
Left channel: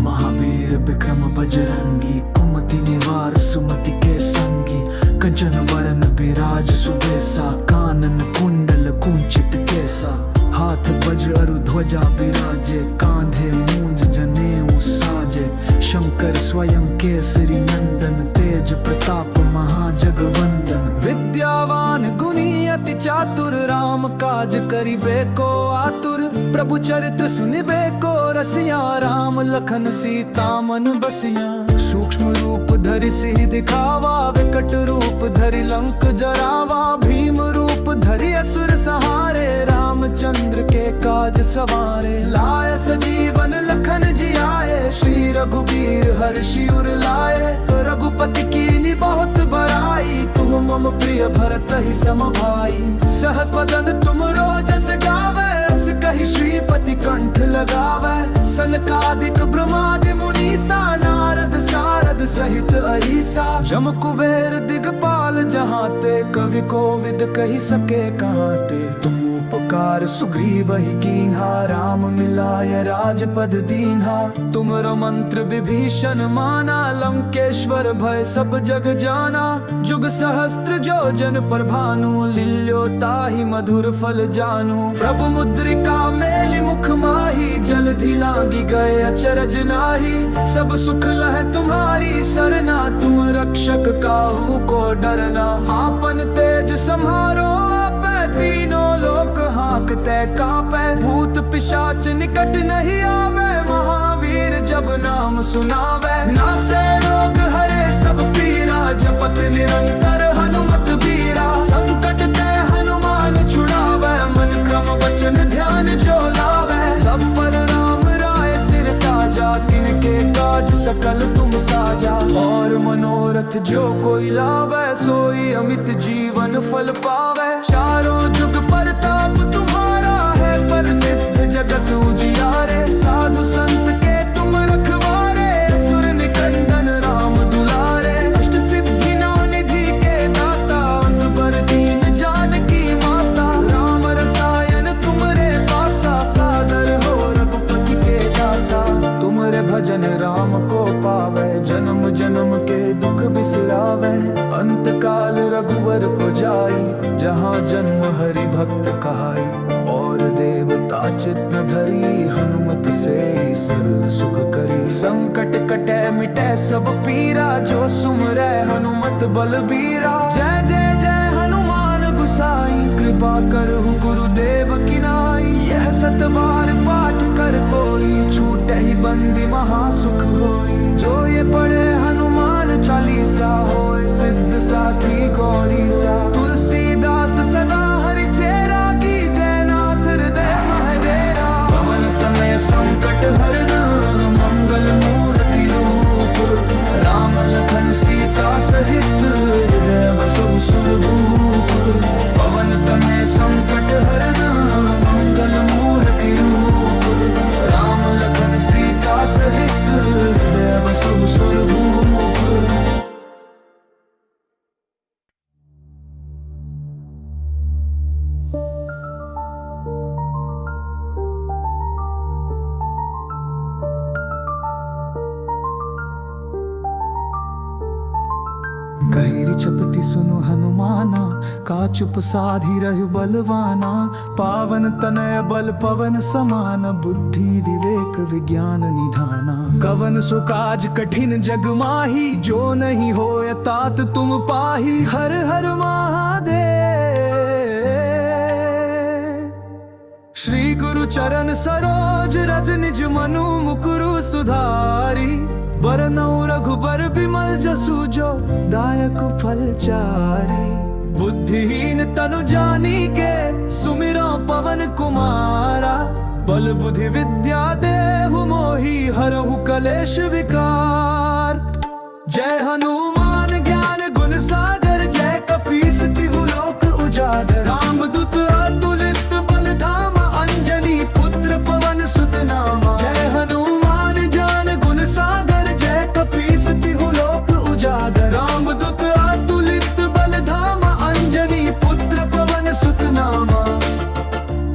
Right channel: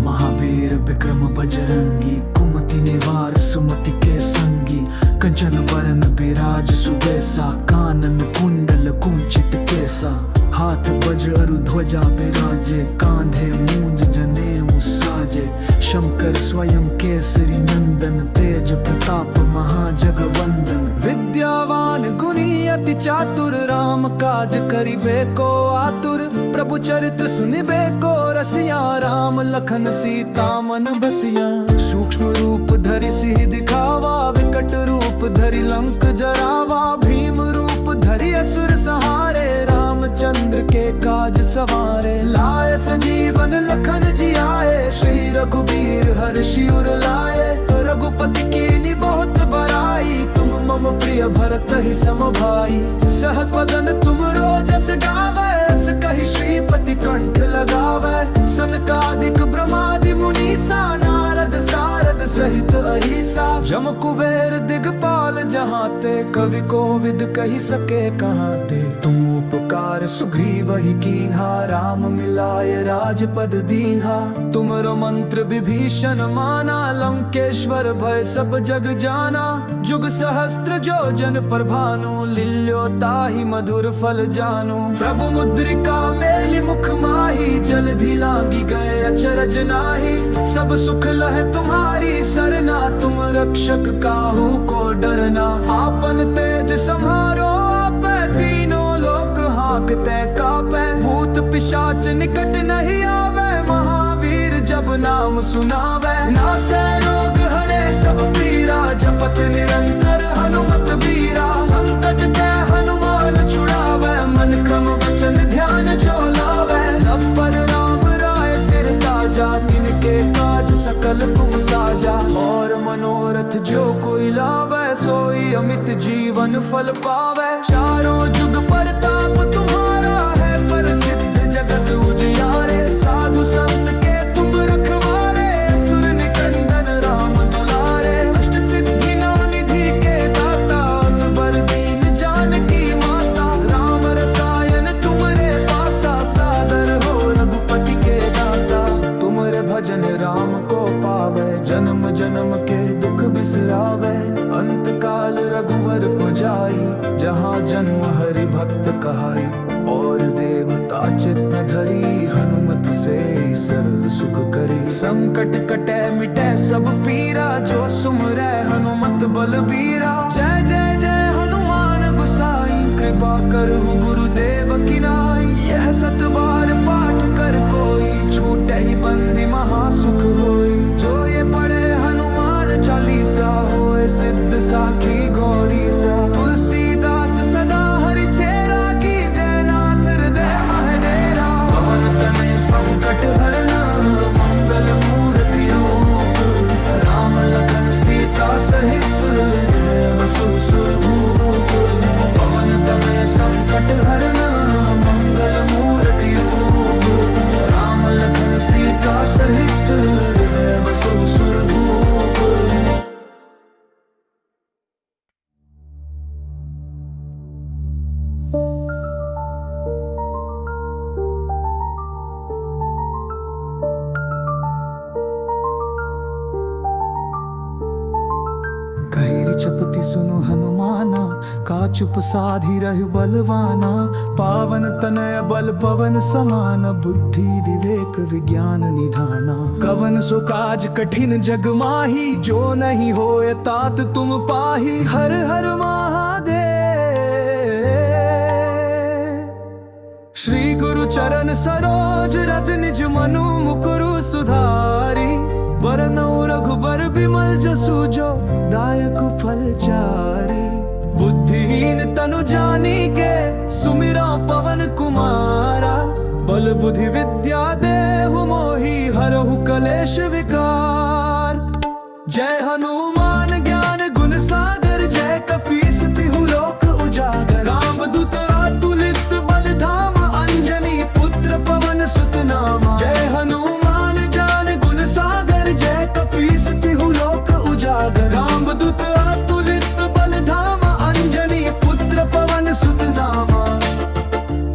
महावीर विक्रम बजरंगी, कुमति निवार सुमति के संगी। कंचन बरन बिराज सुबेसा, कानन कुंडल कुंचित केसा। हाथ वज्र अरु ध्वजा बिराजे, कांधे मूंज जनेऊ साजे। शंकर स्वयं केसरी नंदन, तेज प्रताप महाजगवंदन। विद्यावान गुणी अति चातुर, राम काज करिबे को आतुर। प्रभु चरित्र सुनिबे को रसिया, राम लखन सीता मन बसिया। सूक्ष्म रूप धरि सिहि दिखावा, विकट रूप धरि लंक जरावा। भीम रूप धरि असुर संहारे, रामचंद्र के काज सवारे। लाए सजीवन लखन जियाए, श्री रघुबीर हर्षि उर लाए। रघुपति कीनी बहुत बड़ाई, तुम मम प्रिय भरत ही सम भाई। सहस बदन तुम रोजस गावे, अस कहि श्रीपति कंठ लगावे। सनकादिक ब्रह्मादि मुनीसा, नारद सारद सहित अहिसा। जम कुबेर दिगपाल जहाँ ते, कवि कोविद कहि सके कहाँ ते। तुम उपकार सुग्रीव ही कीन्हा, राम मिलाय राजपद दीन्हा। तुमरो मंत्र विभीषण माना, लंकेश्वर भय सब जग जाना। जुग सहस्त्र जो जन पर भानु, लील्यो ताहि मधुर फल जानू। प्रभु मुद्रिका मेलि मुख माही, जलधि लांगी गए अचरज नाही। सब सुख लह तुम्हारी सरना, तुम रक्षक काहू को डरना। आपन तेज सम्हारो आपै, तीनों लोक हांकते कापै। भूत पिशाच निकट नहीं आवे, महावीर जब नाम सुनावे। नासै रोग हरे सब पीरा, जपत निरंतर हनुमत बीरा। संकट ते हनुमान छुड़ावे, मन क्रम वचन ध्यान जो लावे। सब पर राम राय सिर ताजा, तिनके काज सकल तुम साजा। और मनोरथ जो कोई लावे, सोई अमित जीवन फल पावे। चारों जुग परताप तुम्हारा है, प्रसिद्ध जगत उजियारे। साधु संत के तुम रखवारे, असुर निकंदन राम दुलारे। अष्ट सिद्धि नौ निधि के दाता, असबर दीन जानकी माता। राम रसायन तुमरे पासा, सादर हो रघुपति के दासा। तुमरे भजन राम को पावे, जन्म जन्म के दुख बिसरावे। अंत काल रघुवर पुजाई, जहाँ जन्म हरि भक्त कहाई। और देवता चित न धरी, हनुमत से सरल सुख करी। संकट कटे मिटे सब पीरा, जो सुमरै हनुमत बलबीरा। जय जय जय हनुमान गुसाई, कृपा करहु गुरुदेव की नाई। यह सत बार पाठ कर कोई, छूटे ही बंदी महासुख होई। जो ये पढ़े हनुमान चालीसा, होए सिद्ध साखी गौरी सा। तुलसीदास सदा हरि चेरा, की जय नाथ हृदय महडेरा। पवन तनय संकट हरन, मंगल मूर्ति रूप। राम लखन सीता सहित, हृदय बसहु सुरभूप। पवन तनय संकट हरन, मंगल मूर्ति रूप। राम लखन सीता सहित, हृदय बसहु सुरभूप। कहिरी चपती सुनो हनुमाना, का चुप साधी रह बलवाना, पावन तनय बल पवन समान, बुद्धि विवेक विज्ञान निधाना। कवन सो काज कठिन जग माही, जो नहीं होए तात तुम पाही। हर हर महादेव। श्री गुरु चरण सरोज रज निज मनु मुकुरु सुधारी, बरनउँ रघुबर बिमल जसु जो दायक फल चारी। बुद्धिहीन तनु जानी के सुमिरो पवन कुमारा, बल बुद्धि विद्या देहु मोहि हरहु कलेश विकार। जय हनुमान ज्ञान गुण सागर, जय कपीस तिहु लोक उजागर। रामदूत अतुलित बल धामा, अंजनी पुत्र पवन सुत नामा। जय हनुमान ज्ञान गुण सागर, जय कपीस तिहु लोक उजागर। रामदूत अतुलित बल धामा, अंजनी पुत्र पवन सुत नामा।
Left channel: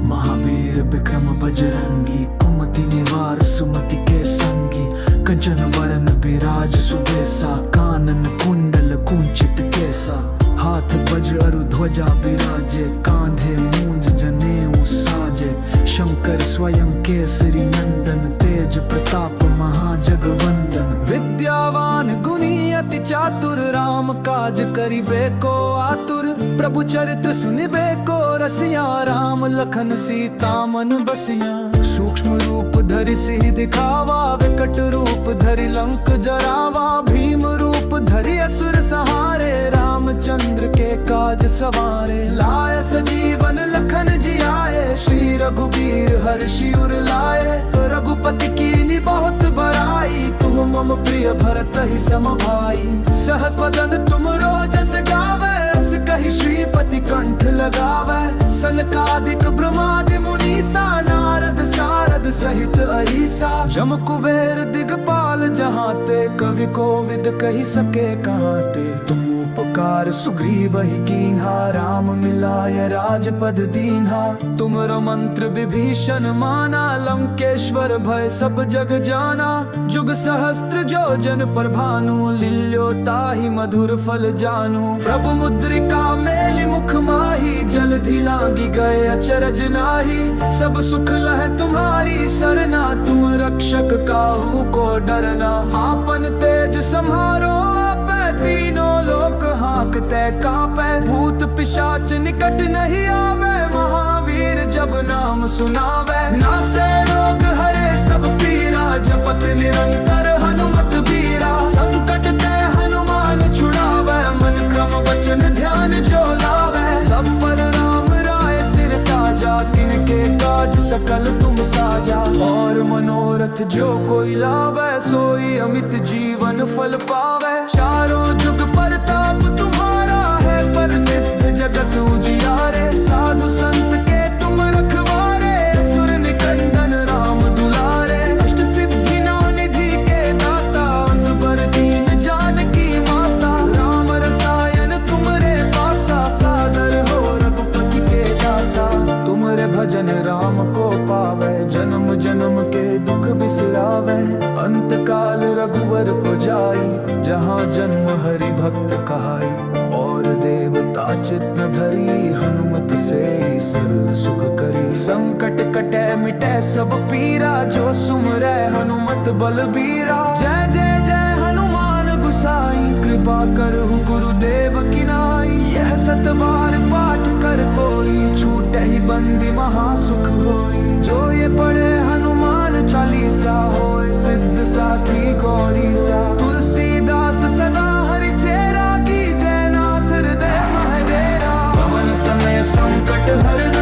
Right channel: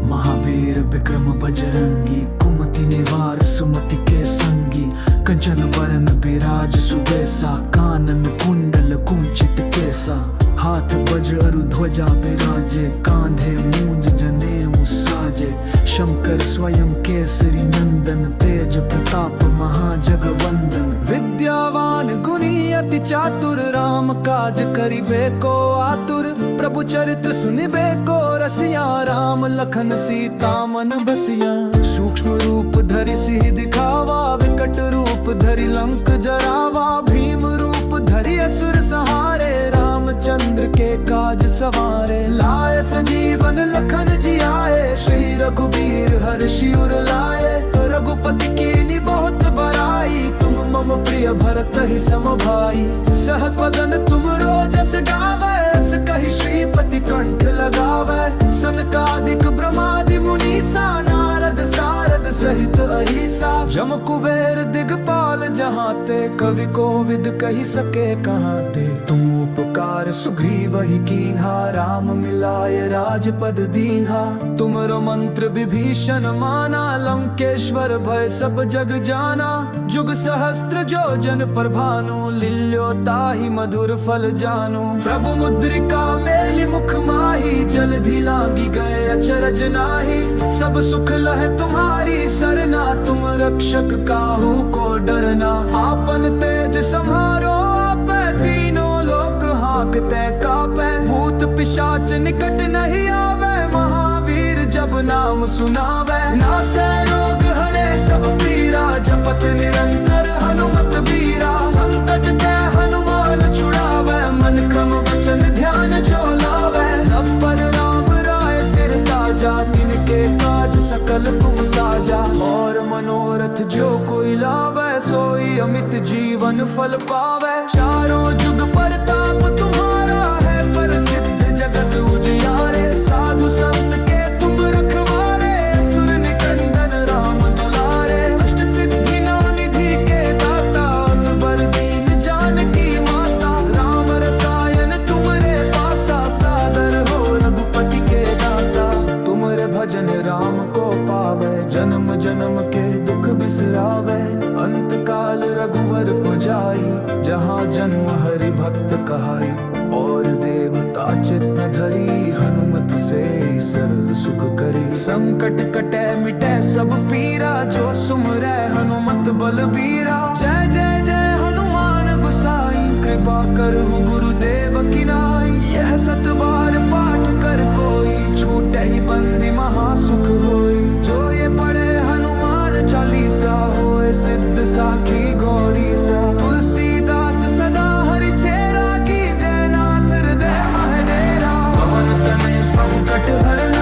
महावीर विक्रम बजरंगी, कुमति निवार सुमति के संगी। कंचन बरन बिराज सुबेसा, कानन कुंडल कुंचित केसा। हाथ वज्र अरु ध्वजा बिराजे, कांधे मूंज जनेऊ साजे। शंकर स्वयं केसरी नंदन, तेज प्रताप महाजगवंदन। विद्यावान गुणी अति चातुर, राम काज करिबे को आतुर। प्रभु चरित्र सुनिबे को रसिया, राम लखन सीता मन बसिया। सूक्ष्म रूप धरि सिहि दिखावा, विकट रूप धरि लंक जरावा। भीम रूप धरि असुर संहारे, रामचंद्र के काज सवारे। लाए सजीवन लखन जियाए, श्री रघुबीर हर्षि उर लाए। रघुपति कीनी बहुत बड़ाई, तुम मम प्रिय भरत ही सम भाई। सहस बदन तुम रोजस गावे, अस कहि श्रीपति कंठ लगावे। सनकादिक ब्रह्मादि मुनीसा, नारद सारद सहित अहिसा। जम कुबेर दिगपाल जहाँ ते, कवि कोविद कहि सके कहाँ ते। तुम उपकार सुग्रीव ही कीन्हा, राम मिलाय राजपद दीन्हा। तुमरो मंत्र विभीषण माना, लंकेश्वर भय सब जग जाना। जुग सहस्त्र जो जन पर भानु, लील्यो ताहि मधुर फल जानू। प्रभु मुद्रिका मेलि मुख माही, जलधि लांगी गए अचरज नाही। सब सुख लह तुम्हारी सरना, तुम रक्षक काहू को डरना। आपन तेज सम्हारो आपै, तीनों लोक हांकते कापै। भूत पिशाच निकट नहीं आवे, महावीर जब नाम सुनावे। नासै रोग हरे सब पीरा, जपत निरंतर हनुमत बीरा। संकट ते हनुमान छुड़ावे, मन क्रम वचन ध्यान जो लावे। सब पर राम राय सिर ताजा, तिनके काज सकल तुम साजा। और मनोरथ जो कोई लावे, सोई अमित जीवन फल पावे। चारों जुग परताप तुम्हारा है, प्रसिद्ध जगत उजियारे। साधु संत के तुम रखवारे, असुर निकंदन राम दुलारे। अष्ट सिद्धि नौ निधि के दाता, असबर दीन जानकी माता। राम रसायन तुमरे पासा, सादर हो रघुपति के दासा। तुमरे भजन राम को पावे, जन्म जन्म के दुख बिसरावे। अंत काल रघुवर पुजाई, जहाँ जन्म हरि भक्त कहाई। और देवता चित न धरी, हनुमत से सरल सुख करी। संकट कटे मिटे सब पीरा, जो सुमरै हनुमत बलबीरा। जय जय जय हनुमान गुसाई, कृपा करहु गुरुदेव की नाई। यह सत बार पाठ कर कोई, छूटे ही बंदी महासुख होई। जो ये पढ़े हनुमान चालीसा, होए सिद्ध साखी गौरी सा। तुलसीदास सदा हरि चेरा, की जय नाथ हृदय महडेरा। पवन तनय संकट हरन,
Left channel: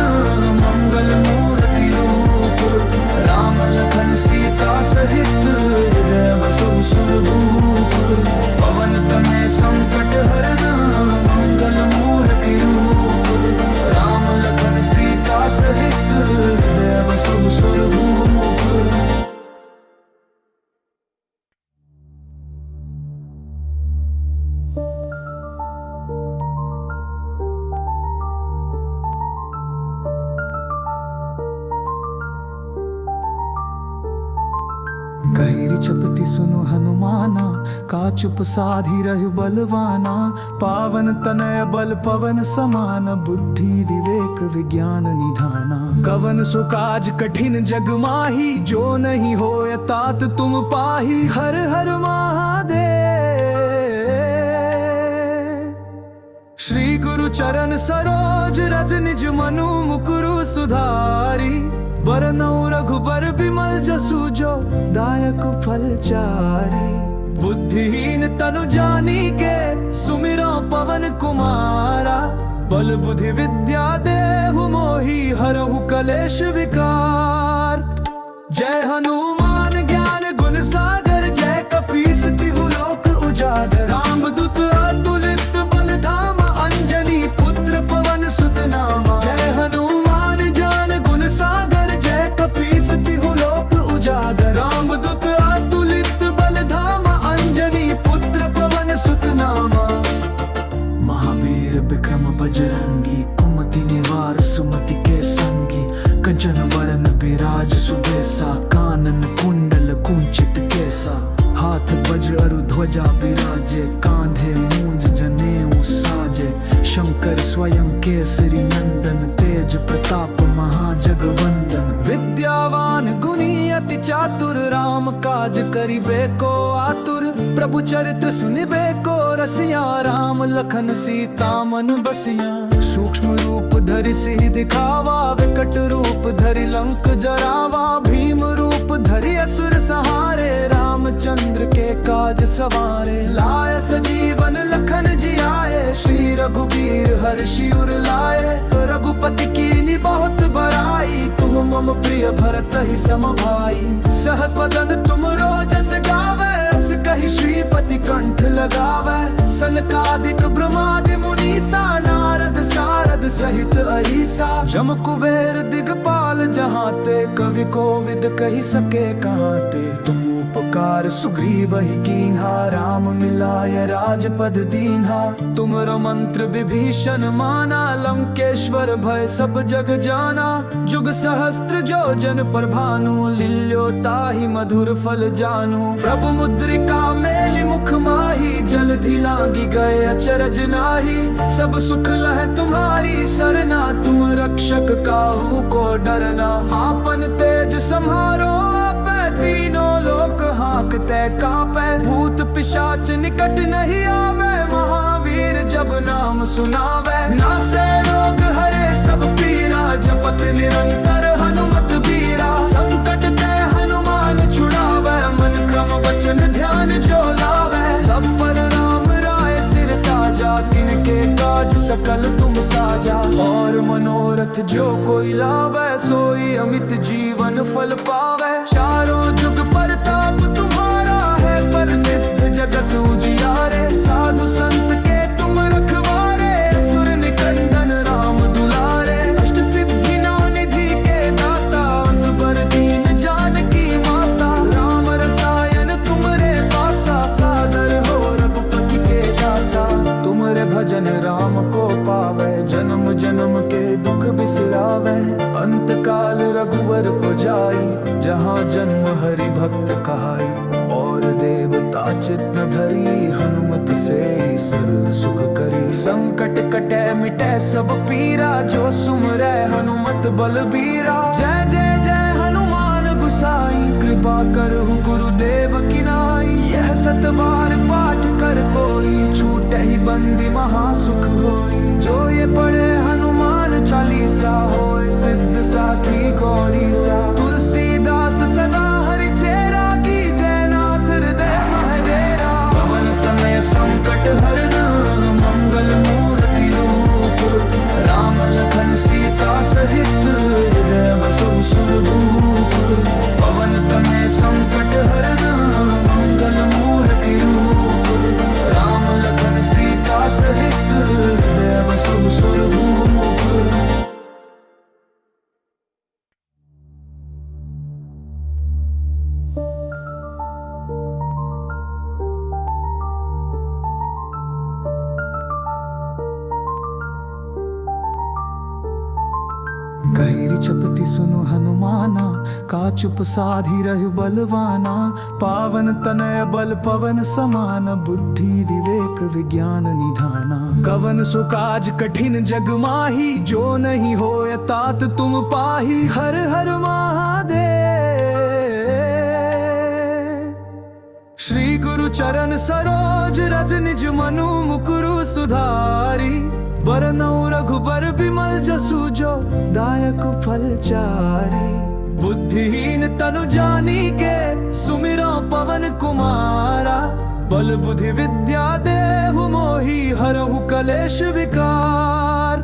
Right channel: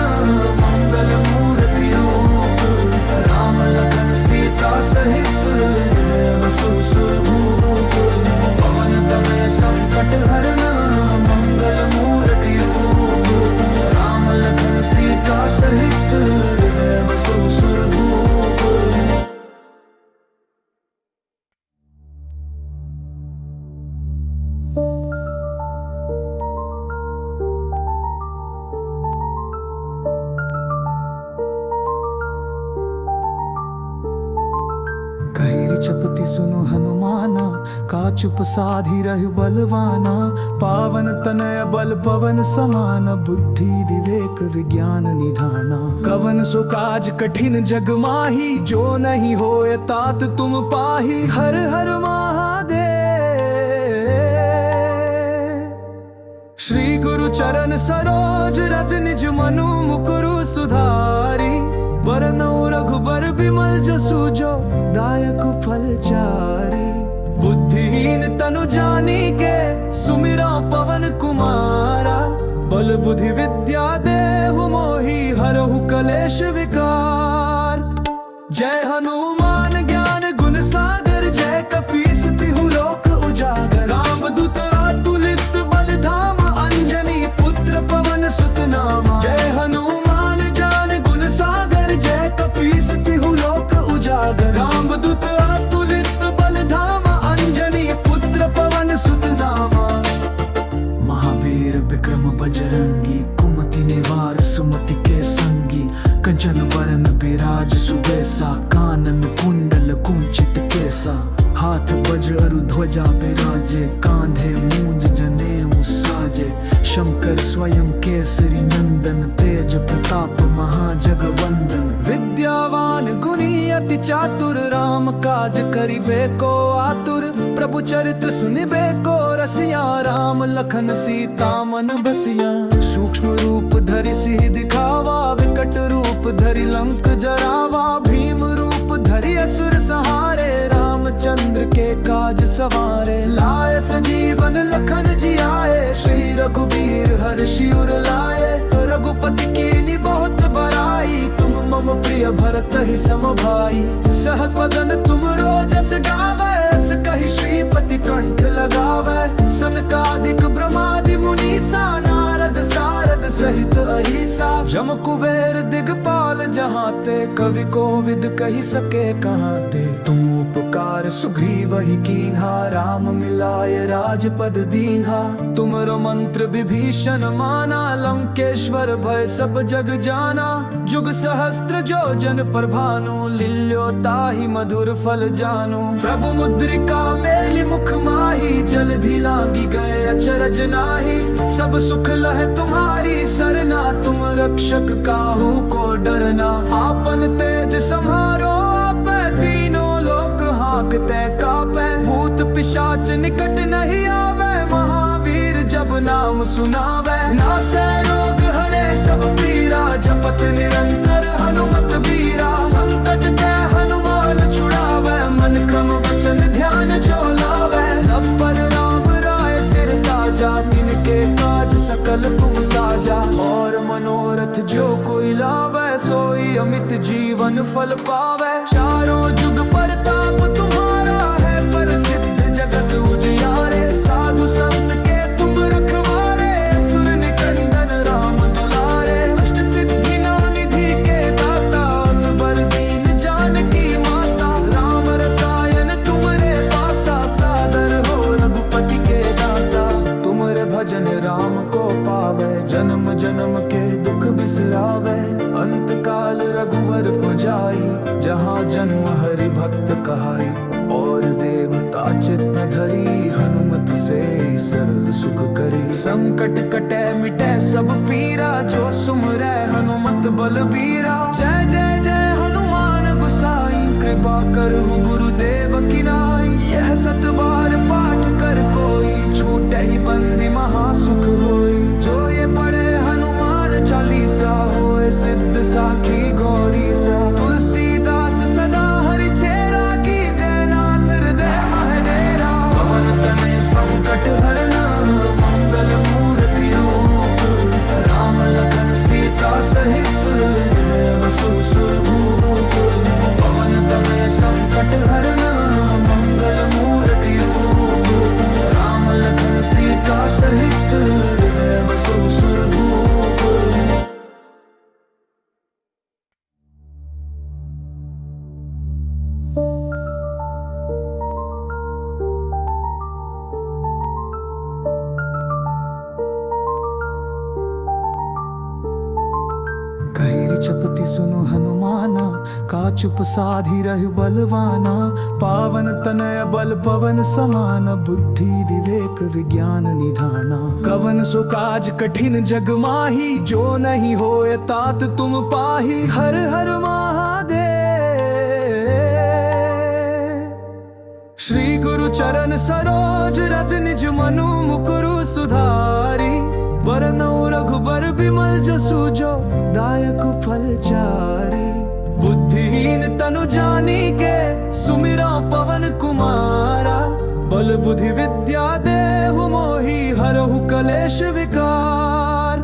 मंगल मूर्ति रूप। राम लखन सीता सहित, हृदय बसहु सुरभूप। पवन तनय संकट हरन, मंगल मूर्ति रूप। राम लखन सीता सहित, हृदय बसहु सुरभूप। कहिरी चपति सुनो हनुमाना, का चुप साधी रहु बलवाना। पावन तनय बल पवन समान, बुद्धि विवेक विज्ञान निधाना। कवन सो काज कठिन जग माही, जो नहीं होए तात तुम पाही। हर हर महादेव। श्री गुरु चरण सरोज रज निज मनु मुकुरु सुधारी। बरनउँ रघुबर बिमल जसु जो, दायक फल चारी। बुद्धिहीन तनु जानिके, सुमिरौ पवन कुमारा। बल बुद्धि विद्या देहु मोहि, हरहु कलेश विकार। जय हनुमान ज्ञान गुण सागर, जय कपीस तिहु लोक उजागर। रामदूत अतुलित बल धामा, अंजनी पुत्र पवन सुत नामा। जय हनुमान ज्ञान गुण सागर, जय कपीस तिहु लोक उजागर। रामदूत अतुलित बल धामा, अंजनी पुत्र पवन सुत नामा। महावीर विक्रम बजरंगी, कुमति निवार सुमति के संगी। कंचन बरन बिराज सुबेसा, कानन कुंडल कुंचित केसा। हाथ वज्र अरु ध्वजा बिराजे, कांधे मूंज जनेऊ साजे। शंकर स्वयं केसरी नंदन, तेज प्रताप महाजगवंदन। विद्यावान गुणी अति चातुर, राम काज करिबे को आतुर। प्रभु चरित्र सुनिबे को रसिया, राम लखन सीता मन बसिया। सूक्ष्म रूप धरि सिहि दिखावा, विकट रूप धरि लंक जरावा। भीम रूप धरि असुर संहारे, रामचंद्र के काज सवारे। लाए सजीवन लखन जियाए, श्री रघुबीर हर्षि उर लाए। रघुपति कीन्ही बहुत बड़ाई, तुम मम प्रिय भरत ही सम भाई। सहस बदन तुम रोजस गावै, अस कहि श्रीपति कंठ लगावै। सनकादिक ब्रह्मादि मुनीसा, नारद सारद सहित अहिसा। जम कुबेर दिगपाल जहाँ ते, कवि कोविद कहि सके कहाँ ते। तुम उपकार सुग्रीव ही कीन्हा, राम मिलाय राजपद दीन्हा। तुमरो मंत्र विभीषण माना, लंकेश्वर भय सब जग जाना। जुग सहस्त्र जो जन पर भानु, लील्यो ताहि मधुर फल जानू। प्रभु मुद्रिका मेलि मुख माही, जलधि लांगी गए अचरज नाही। सब सुख लह तुम्हारी सरना, तुम रक्षक काहू को डरना। आपन तेज सम्हारो आपै, तीनों लोक हांकते कापै। भूत पिशाच निकट नहीं आवे, महावीर जब नाम सुनावे। नासै रोग हरे सब पीरा, जपत निरंतर हनुमत बीरा। संकट ते हनुमान छुड़ावे, मन क्रम वचन ध्यान जो लावे। सब पर राम राय सिर ताजा, तिनके काज सकल तुम साजा। और मनोरथ जो कोई लावे, सोई अमित जीवन फल पावे। चारों जुग परताप तुम्हारा है, प्रसिद्ध जगत उजियारे। साधु संत के तुम रखवारे, असुर निकंदन राम दुलारे। अष्ट सिद्धि नौ निधि के दाता, असबर दीन जानकी माता। राम रसायन तुमरे पासा, सादर हो रघुपति के दासा। तुमरे भजन राम को पावे, जन्म जन्म के दुख बिसरावे। अंत काल रघुवर पुजाई, जहाँ जन्म हरि भक्त कहाई। और देवता चित न धरी, हनुमत से सरल सुख करी। संकट कटे मिटे सब पीरा, जो सुमरै हनुमत बलबीरा। जय जय जय हनुमान गुसाई, कृपा करहु गुरुदेव की नाई। यह सत बार पाठ कर कोई, छूटे ही बंदी महासुख होई। जो ये पढ़े हनुमान चालीसा, होए सिद्ध साखी गौरी सा। तुलसीदास सदा हरि चेरा, की जय नाथ हृदय महडेरा। पवन तनय संकट हरन, मंगल मूर्ति रूप। राम लखन सीता सहित, हृदय बसहु सुरभूप। पवन तनय संकट हरन, मंगल मूर्ति रूप। राम लखन सीता सहित, हृदय बसहु सुरभूप। कहिरी चपति सुनु हनुमाना, का चुप साधी रहु बलवाना। पावन तनय बल पवन समान, बुद्धि विवेक विज्ञान निधाना। कवन सो काज कठिन जग माही, जो नहीं होय तात तुम पाही। हर हर महादेव। श्री गुरु चरण सरोज रज निज मनु मुकुरु सुधारी। बरनउँ रघुबर बिमल जसु जो, दायक फल चारी। बुद्धिहीन तनु जानिके, सुमिरौ पवन कुमारा। बल बुद्धि विद्या देहु मोहि, हरहु कलेश विकार।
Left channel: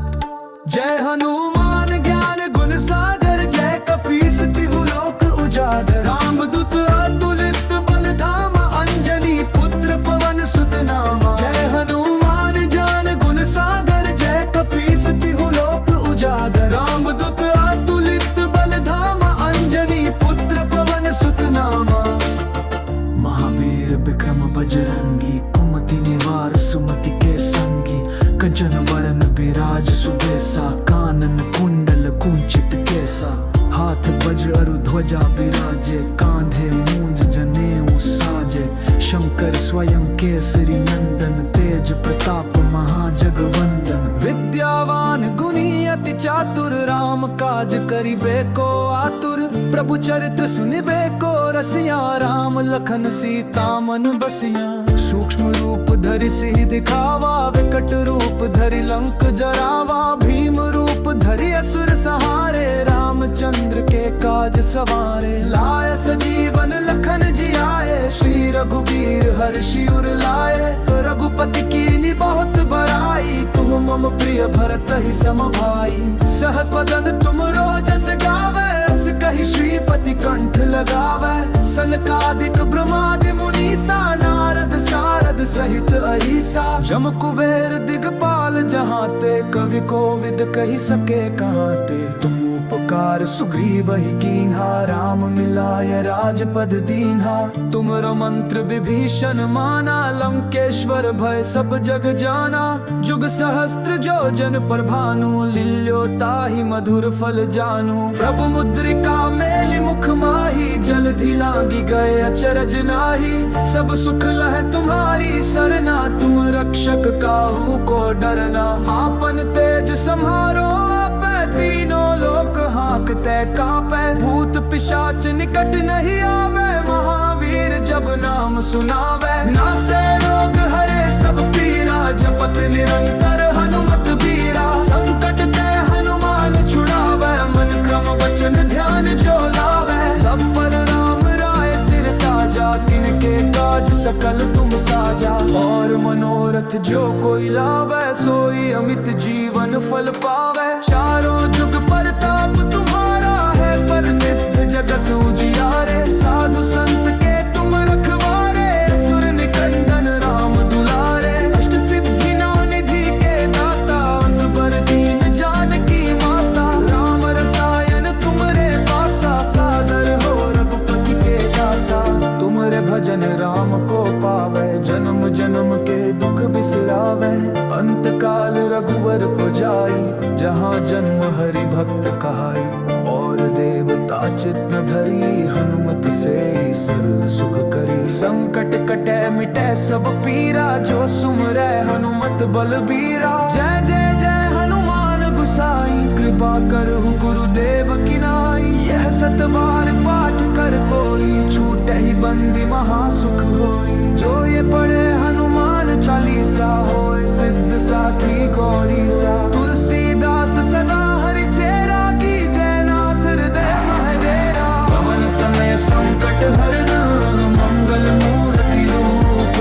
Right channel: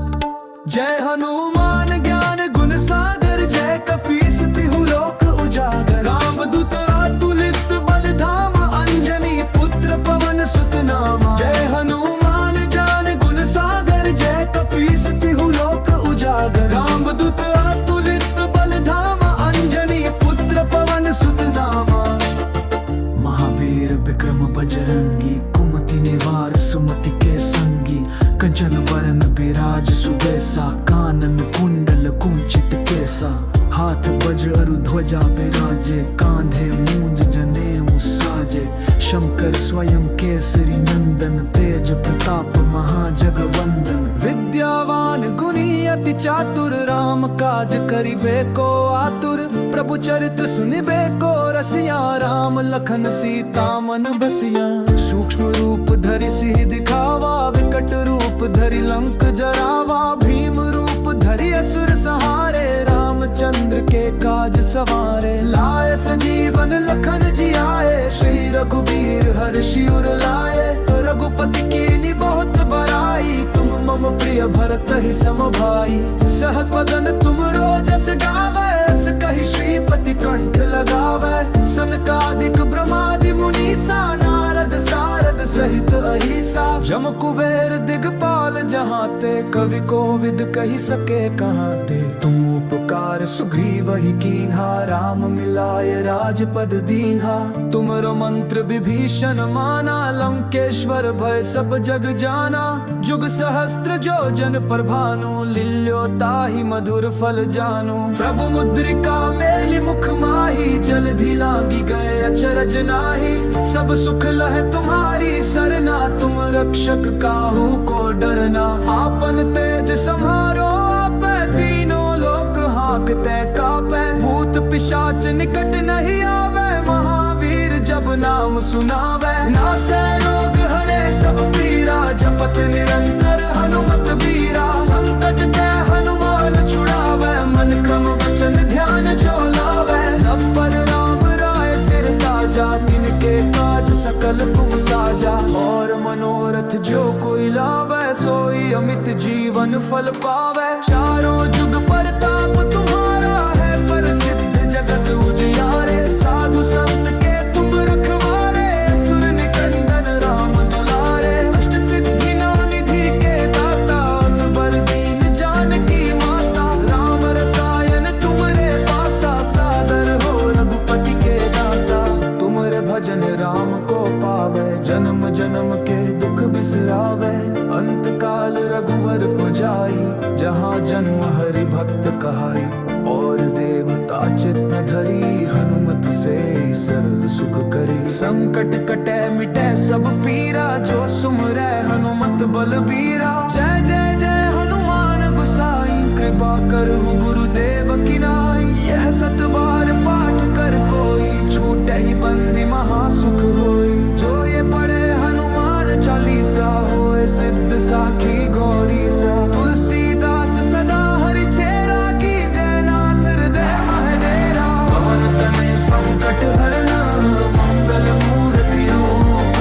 जय हनुमान ज्ञान गुण सागर, जय कपीस तिहु लोक उजागर। रामदूत अतुलित बल धामा, अंजनी पुत्र पवन सुत नामा। जय हनुमान ज्ञान गुण सागर, जय कपीस तिहु लोक उजागर। रामदूत अतुलित बल धामा, अंजनी पुत्र पवन सुत नामा। महावीर विक्रम बजरंगी, कुमति निवार सुमति के संगी। कंचन बरन बिराज सुबेसा, कानन कुंडल कुंचित केसा। हाथ वज्र अरु ध्वजा बिराजे, कांधे मूंज जनेऊ साजे। शंकर स्वयं केसरी नंदन, तेज प्रताप महाजगवंदन। विद्यावान गुणी अति चातुर, राम काज करिबे को आतुर। प्रभु चरित्र सुनिबे को रसिया, राम लखन सीता मन बसिया। सूक्ष्म रूप धरि सिहि दिखावा, विकट रूप धरि लंक जरावा। भीम रूप धरि असुर संहारे, रामचंद्र के काज सवारे। लाए सजीवन लखन जियाए, श्री रघुबीर हर्षि उर लाए। रघुपति कीनी बहुत बड़ाई, तुम मम प्रिय भरत ही सम भाई। सहस बदन तुम रोजस गावे, अस कहि श्रीपति कंठ लगावे। सनकादिक ब्रह्मादि मुनीसा, नारद सारद सहित अहिसा। जम कुबेर दिगपाल जहाँ ते, कवि कोविद कहि सके कहाँ ते। तुम उपकार सुग्रीव ही कीन्हा, राम मिलाय राजपद दीन्हा। तुमरो मंत्र विभीषण माना, लंकेश्वर भय सब जग जाना। जुग सहस्त्र जो जन पर भानु, लील्यो ताहि मधुर फल जानू। प्रभु मुद्रिका मेलि मुख माही, जलधि लांगी गए अचरज नाही। सब सुख लह तुम्हारी सरना, तुम रक्षक काहू को डरना। आपन तेज सम्हारो आपै, तीनों लोक हांकते कापै। भूत पिशाच निकट नहीं आवे, महावीर जब नाम सुनावे। नासै रोग हरे सब पीरा, जपत निरंतर हनुमत बीरा। संकट ते हनुमान छुड़ावे, मन क्रम वचन ध्यान जो लावे। सब पर राम राय सिर ताजा, तिनके काज सकल तुम साजा। और मनोरथ जो कोई लावे, सोई अमित जीवन फल पावे। चारों जुग परताप तुम्हारा है, प्रसिद्ध जगत उजियारे। साधु संत के तुम रखवारे, असुर निकंदन राम दुलारे। अष्ट सिद्धि नौ निधि के दाता, असबर दीन जानकी माता। राम रसायन तुमरे पासा, सादर हो रघुपति के दासा। तुमरे भजन राम को पावे, जन्म जन्म के दुख बिसरावे। अंत काल रघुवर पुजाई, जहाँ जन्म हरि भक्त कहाई। और देवता चित न धरी, हनुमत से सरल सुख करी। संकट कटे मिटे सब पीरा, जो सुमरै हनुमत बलबीरा। जय जय जय हनुमान गुसाई, कृपा करहु गुरुदेव की नाई। यह सत बार पाठ कर कोई, छूटे ही बंदी महासुख होई। जो ये पढ़े हनुमान चालीसा, होए सिद्ध साखी गौरी सा। तुलसीदास सदा हरि चेरा, की जय नाथ हृदय महडेरा। पवन तनय संकट हरन, मंगल मूर्ति रूप।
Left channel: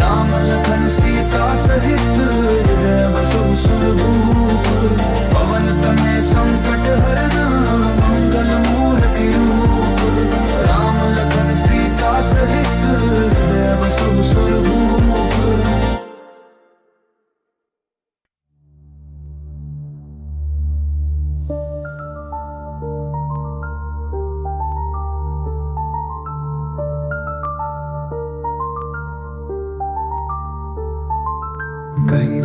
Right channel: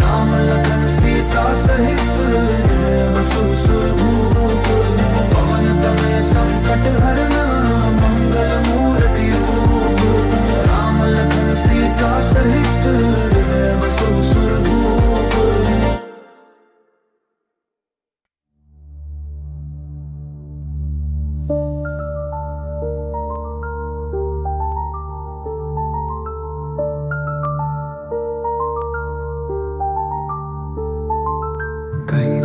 राम लखन सीता सहित, हृदय बसहु सुरभूप। पवन तनय संकट हरन, मंगल मूर्ति रूप। राम लखन सीता सहित, हृदय बसहु सुरभूप।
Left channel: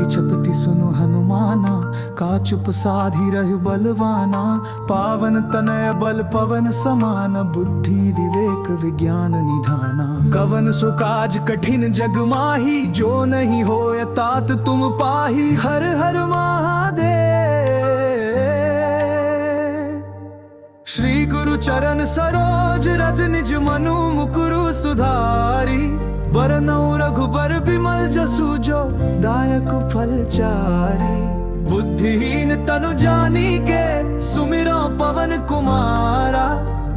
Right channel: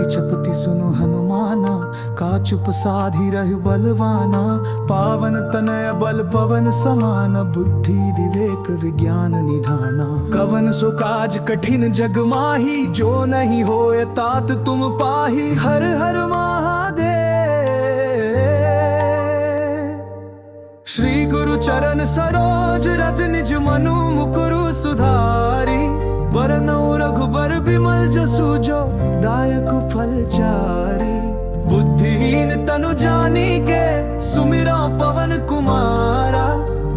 विचपति सुनु हनुमाना, का चुप साधी रहु बलवाना। पावन तनय बल पवन समान, बुद्धि विवेक विज्ञान निधाना। कवन सो काज कठिन जग माही, जो नहीं होए तात तुम पाही। हर हर महादेव। श्री गुरु चरण सरोज रज निज मनु मुकुरु सुधारी। बरनउँ रघुबर बिमल जसु, जो दायक फल चारी। बुद्धिहीन तनु जानी के, सुमिरो पवन कुमारा।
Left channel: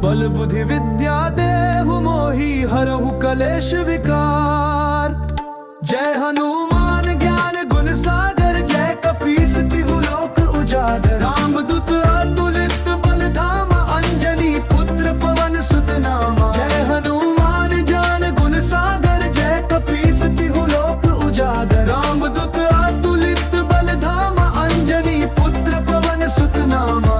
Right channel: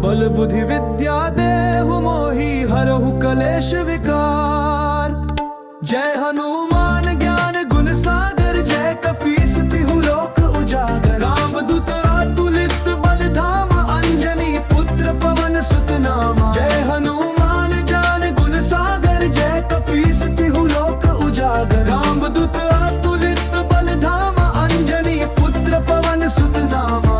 बल बुद्धि विद्या देहु मोहि, हरहु कलेश विकार। जय हनुमान ज्ञान गुण सागर, जय कपीस तिहु लोक उजागर। रामदूत अतुलित बल धामा, अंजनी पुत्र पवन सुत नामा। जय हनुमान ज्ञान गुण सागर, जय कपीस तिहु लोक उजागर। रामदूत अतुलित बल धामा, अंजनी पुत्र पवन सुत नामा।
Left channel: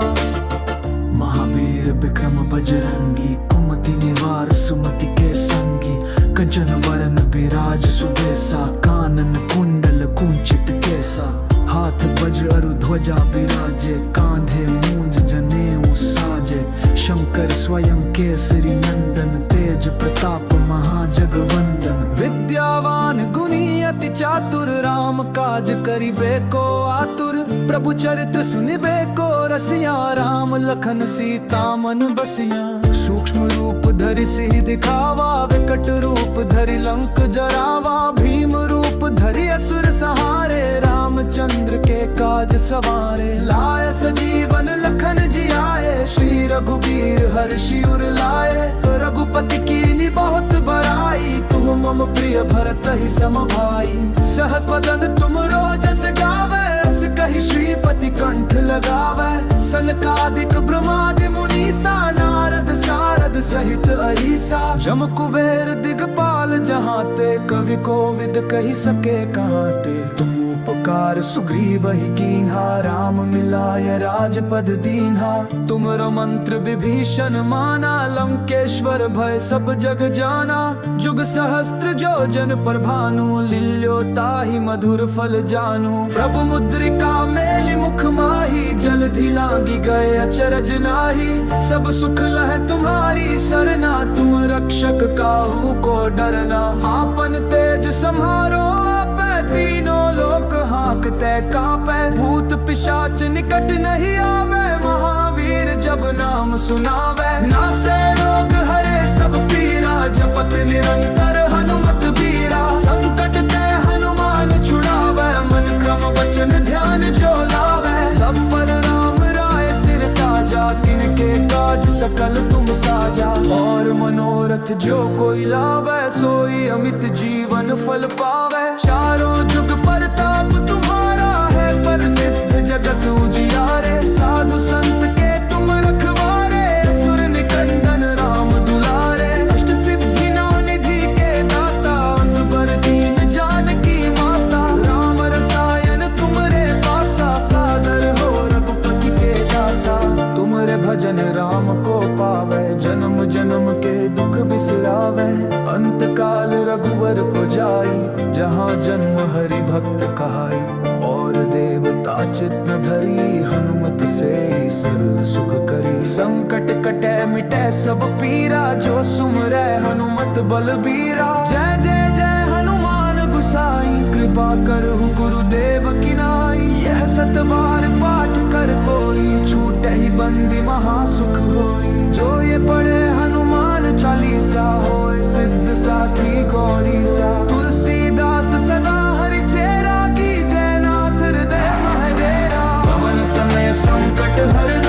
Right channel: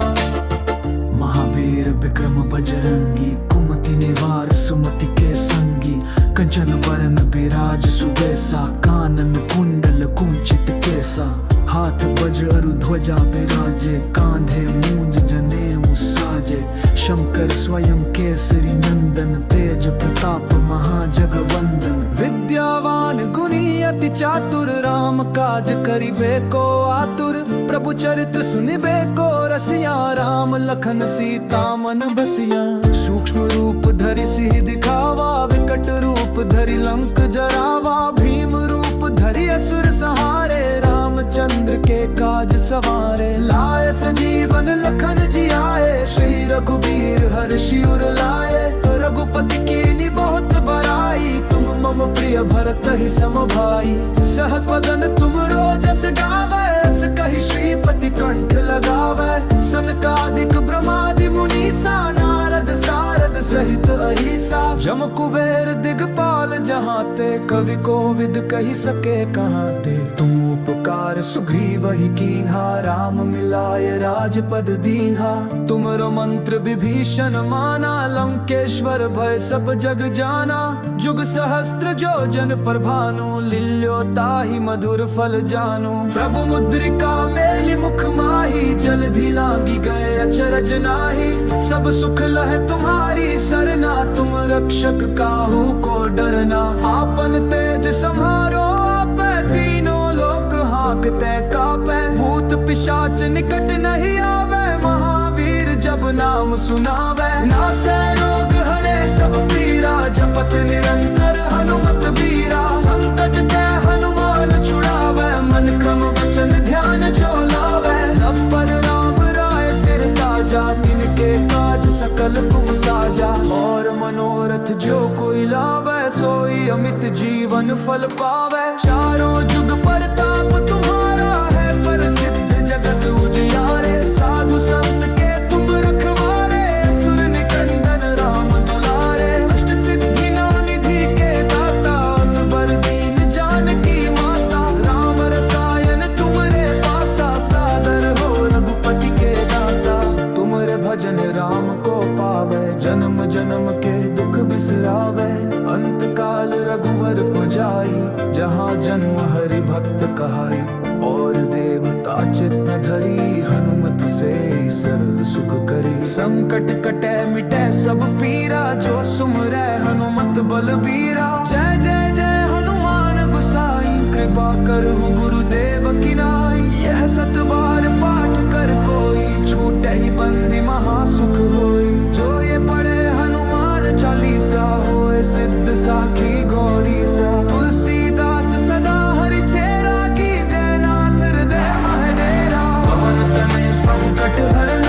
महावीर विक्रम बजरंगी, कुमति निवार सुमति के संगी। कंचन बरन बिराज सुबेसा, कानन कुंडल कुंचित केसा। हाथ वज्र अरु ध्वजा बिराजे, कांधे मूंज जनेऊ साजे। शंकर स्वयं केसरी नंदन, तेज प्रताप महाजगवंदन। विद्यावान गुणी अति चातुर, राम काज करिबे को आतुर। प्रभु चरित्र सुनिबे को रसिया, राम लखन सीता मन बसिया। सूक्ष्म रूप धरि सिहि दिखावा, विकट रूप धरि लंक जरावा। भीम रूप धरि असुर संहारे, रामचंद्र के काज सवारे। लाए सजीवन लखन जियाए, श्री रघुबीर हर्षि उर लाए। रघुपति कीनी बहुत बड़ाई, तुम मम प्रिय भरत ही सम भाई। सहस बदन तुम रोजस गावे, अस कहि श्रीपति कंठ लगावे। सनकादिक ब्रह्मादि मुनीसा, नारद सारद सहित अहिसा। जम कुबेर दिगपाल जहाँ ते, कवि कोविद कहि सके कहाँ ते। तुम उपकार सुग्रीव ही कीन्हा, राम मिलाय राजपद दीन्हा। तुमरो मंत्र विभीषण माना, लंकेश्वर भय सब जग जाना। जुग सहस्त्र जो जन पर भानु, लील्यो ताहि मधुर फल जानू। प्रभु मुद्रिका मेलि मुख माही, जलधि लांगी गए अचरज नाही। सब सुख लह तुम्हारी सरना, तुम रक्षक काहू को डरना। आपन तेज सम्हारो आपै, तीनों लोक हांकते कापै। भूत पिशाच निकट नहीं आवे, महावीर जब नाम सुनावे। नासै रोग हरे सब पीरा, जपत निरंतर हनुमत बीरा। संकट ते हनुमान छुड़ावे, मन क्रम वचन ध्यान जो लावे। सब पर राम राय सिर ताजा, तिनके काज सकल तुम साजा। और मनोरथ जो कोई लावे, सोई अमित जीवन फल पावे। चारों जुग परताप तुम्हारा है, प्रसिद्ध जगत उजियारे। साधु संत के तुम रखवारे, असुर निकंदन राम दुलारे। अष्ट सिद्धि नौ निधि के दाता, असबर दीन जानकी माता। राम रसायन तुमरे पासा, सादर हो रघुपति के दासा। तुमरे भजन राम को पावे, जन्म जन्म के दुख बिसरावे। अंत काल रघुवर पुजाई, जहाँ जन्म हरि भक्त कहाई। और देवता चित न धरी, हनुमत से सरल सुख करी। संकट कटे मिटे सब पीरा, जो सुमरै हनुमत बलबीरा। जय जय जय हनुमान गुसाई, कृपा करहु गुरुदेव की नाई। यह सत बार पाठ कर कोई, छूटे ही बंदी महासुख होई। जो ये पढ़े हनुमान चालीसा, होए सिद्ध साखी गौरी सा। तुलसीदास सदा हरि चेरा, की जय नाथ हृदय महडेरा। पवन तनय संकट हरन,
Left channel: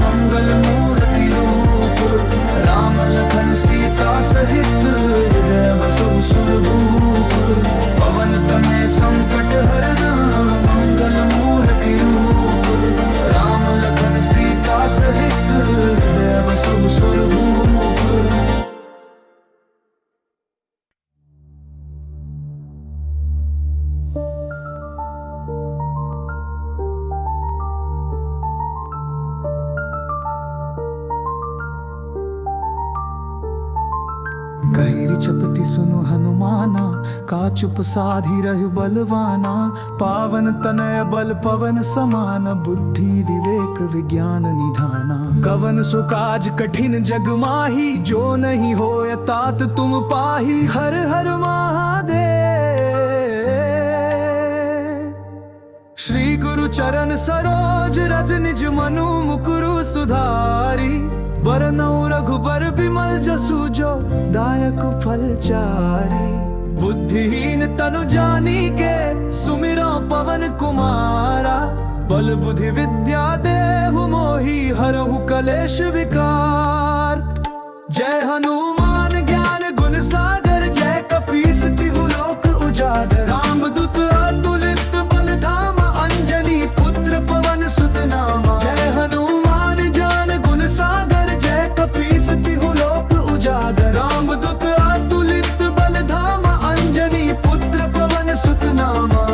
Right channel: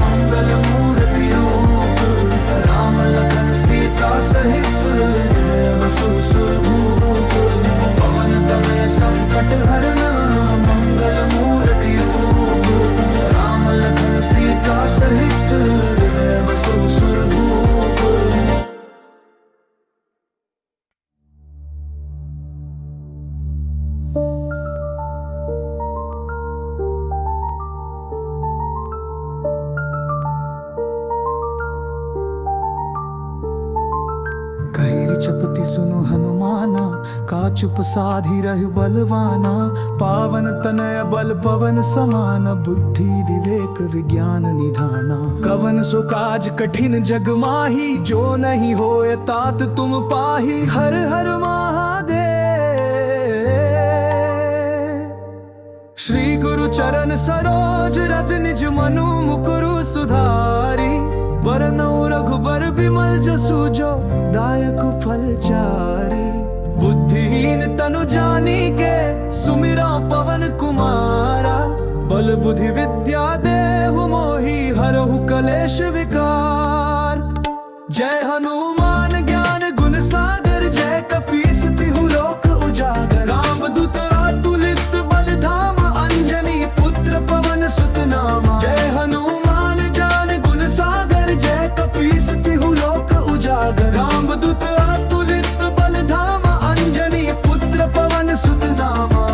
मंगल मूर्ति रूप। राम लखन सीता सहित, हृदय बसहु सुरभूप। पवन तनय संकट हरन, मंगल मूर्ति रूप। राम लखन सीता सहित, हृदय बसहु सुरभूप। जपति सुनु हनुमाना, का चुप साधी रहु बलवाना। पावन तनय बल पवन समान, बुद्धि विवेक विज्ञान निधाना। कवन सो काज कठिन जग माही, जो नहीं होए तात तुम पाही। हर हर महादेव। श्री गुरु चरण सरोज रज निज मनु मुकुरु सुधारी। बरनउँ रघुबर बिमल जसु, जो दायक फल चारी। बुद्धिहीन तनु जानिके, सुमिरौ पवन कुमारा। बल बुद्धि विद्या देहु मोहि, हरहु कलेश विकार। जय हनुमान ज्ञान गुण सागर, जय कपीस तिहु लोक उजागर। रामदूत अतुलित बल धामा, अंजनी पुत्र पवन सुत नामा। जय हनुमान ज्ञान गुण सागर, जय कपीस तिहु लोक उजागर। रामदूत अतुलित बल धामा, अंजनी पुत्र पवन सुत नामा।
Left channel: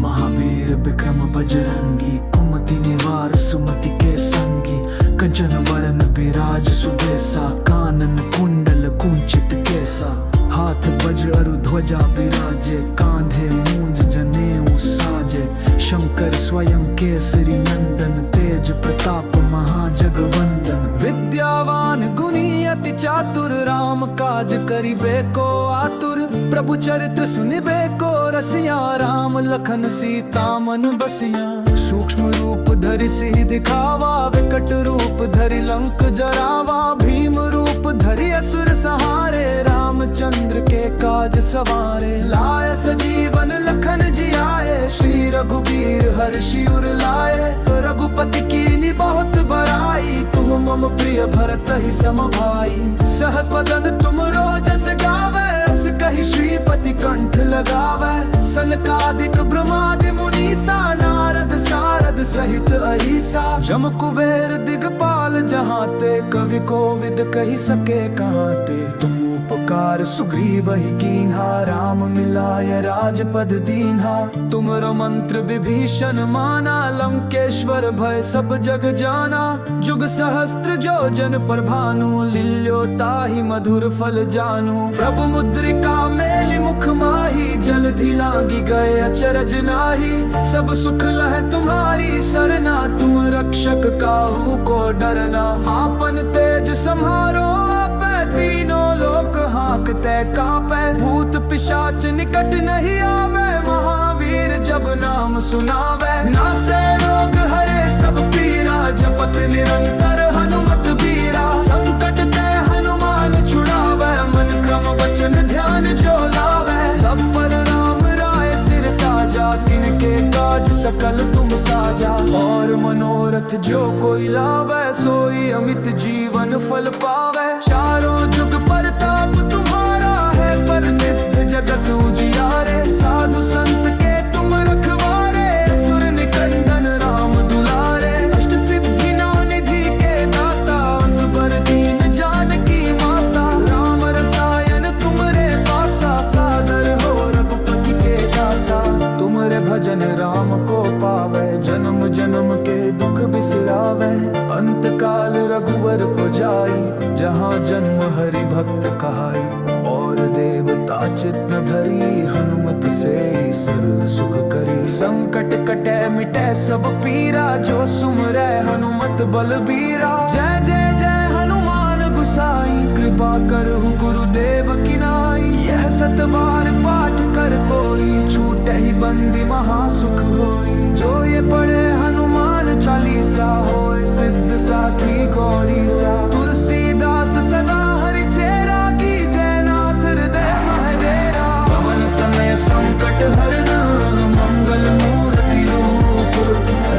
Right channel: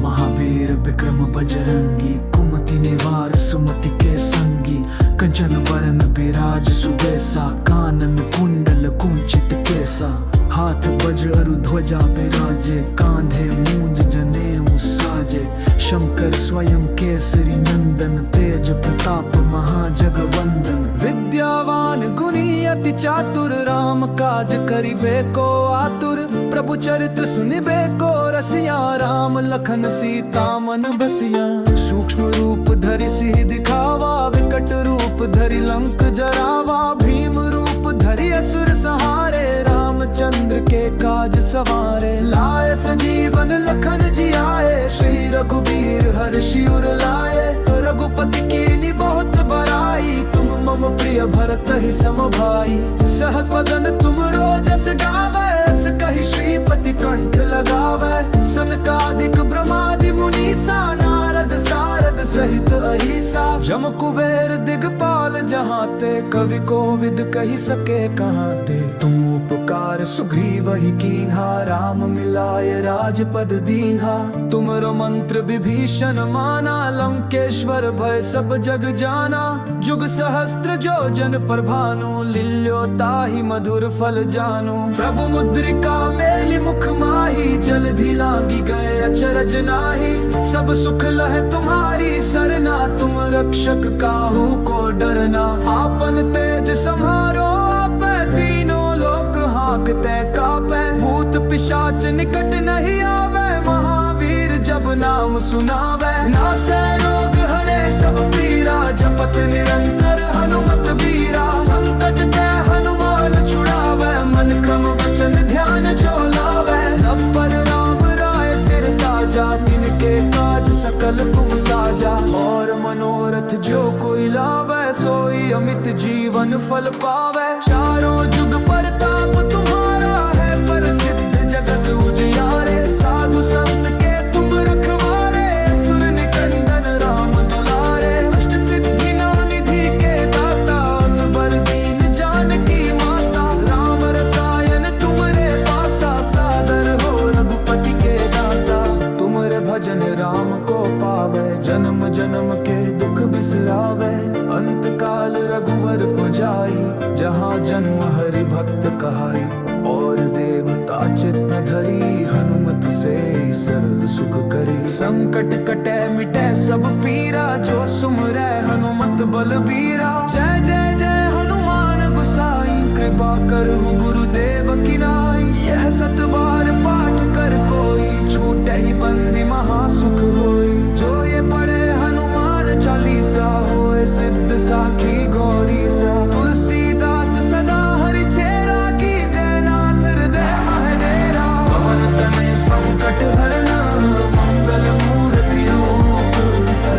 महावीर विक्रम बजरंगी, कुमति निवार सुमति के संगी। कंचन बरन बिराज सुबेसा, कानन कुंडल कुंचित केसा। हाथ वज्र अरु ध्वजा बिराजे, कांधे मूंज जनेऊ साजे। शंकर स्वयं केसरी नंदन, तेज प्रताप महाजगवंदन। विद्यावान गुणी अति चातुर, राम काज करिबे को आतुर। प्रभु चरित्र सुनिबे को रसिया, राम लखन सीता मन बसिया। सूक्ष्म रूप धरि सिहि दिखावा, विकट रूप धरि लंक जरावा। भीम रूप धरि असुर संहारे, रामचंद्र के काज सवारे। लाए सजीवन लखन जियाए, श्री रघुबीर हर्षि उर लाए। रघुपति कीनी बहुत बड़ाई, तुम मम प्रिय भरत ही सम भाई। सहस बदन तुम रोजस गावे, अस कहि श्रीपति कंठ लगावे। सनकादिक ब्रह्मादि मुनीसा, नारद सारद सहित अहिसा। जम कुबेर दिगपाल जहाँ ते, कवि कोविद कहि सके कहाँ ते। तुम उपकार सुग्रीव ही कीन्हा, राम मिलाय राजपद दीन्हा। तुमरो मंत्र विभीषण माना, लंकेश्वर भय सब जग जाना। जुग सहस्त्र जो जन पर भानु, लिल्यो ताहि मधुर फल जानू। प्रभु मुद्रिका मेलि मुख माही, जलधि लांगी गए अचरज नाही। सब सुख लह तुम्हारी सरना, तुम रक्षक काहू को डरना। आपन तेज सम्हारो आपै, तीनों लोक हांकते कापै। भूत पिशाच निकट नहीं आवे, महावीर जब नाम सुनावे। नासै रोग हरे सब पीरा, जपत निरंतर हनुमत बीरा। संकट ते हनुमान छुड़ावे, मन क्रम वचन ध्यान जो लावे। सब पर राम राय सिर ताजा, तिनके काज सकल तुम साजा। और मनोरथ जो कोई लावे, सोई अमित जीवन फल पावे। चारों जुग परताप तुम्हारा है, प्रसिद्ध जगत उजियारे। साधु संत के तुम रखवारे, असुर निकंदन राम दुलारे। अष्ट सिद्धि नौ निधि के दाता, असबर दीन जानकी माता। राम रसायन तुमरे पासा, सादर हो रघुपति के दासा। तुमरे भजन राम को पावे, जन्म जन्म के दुख बिसरावे। अंत काल रघुवर पुजाई, जहाँ जन्म हरि भक्त कहाई। और देवता चित न धरी, हनुमत से सरल सुख करी। संकट कटे मिटे सब पीरा, जो सुमरै हनुमत बलबीरा। जय जय जय हनुमान गुसाई, कृपा करहु गुरुदेव की नाई। यह सत बार पाठ कर कोई, छूटे ही बंदी महासुख होई। जो ये पढ़े हनुमान चालीसा, होए सिद्ध साखी गौरी सा। तुलसीदास सदा हरि चेरा, की जय नाथ हृदय महडेरा। पवन तनय संकट हरन, मंगल मूर्ति रूप।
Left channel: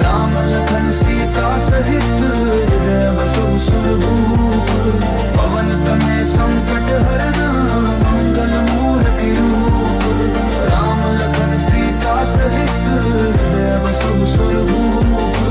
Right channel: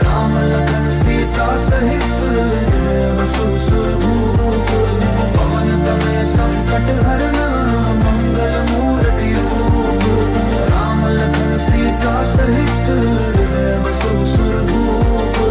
राम लखन सीता सहित, हृदय बसहु सुरभूप। पवन तनय संकट हरन, मंगल मूर्ति रूप। राम लखन सीता सहित, हृदय बसहु सुरभूप।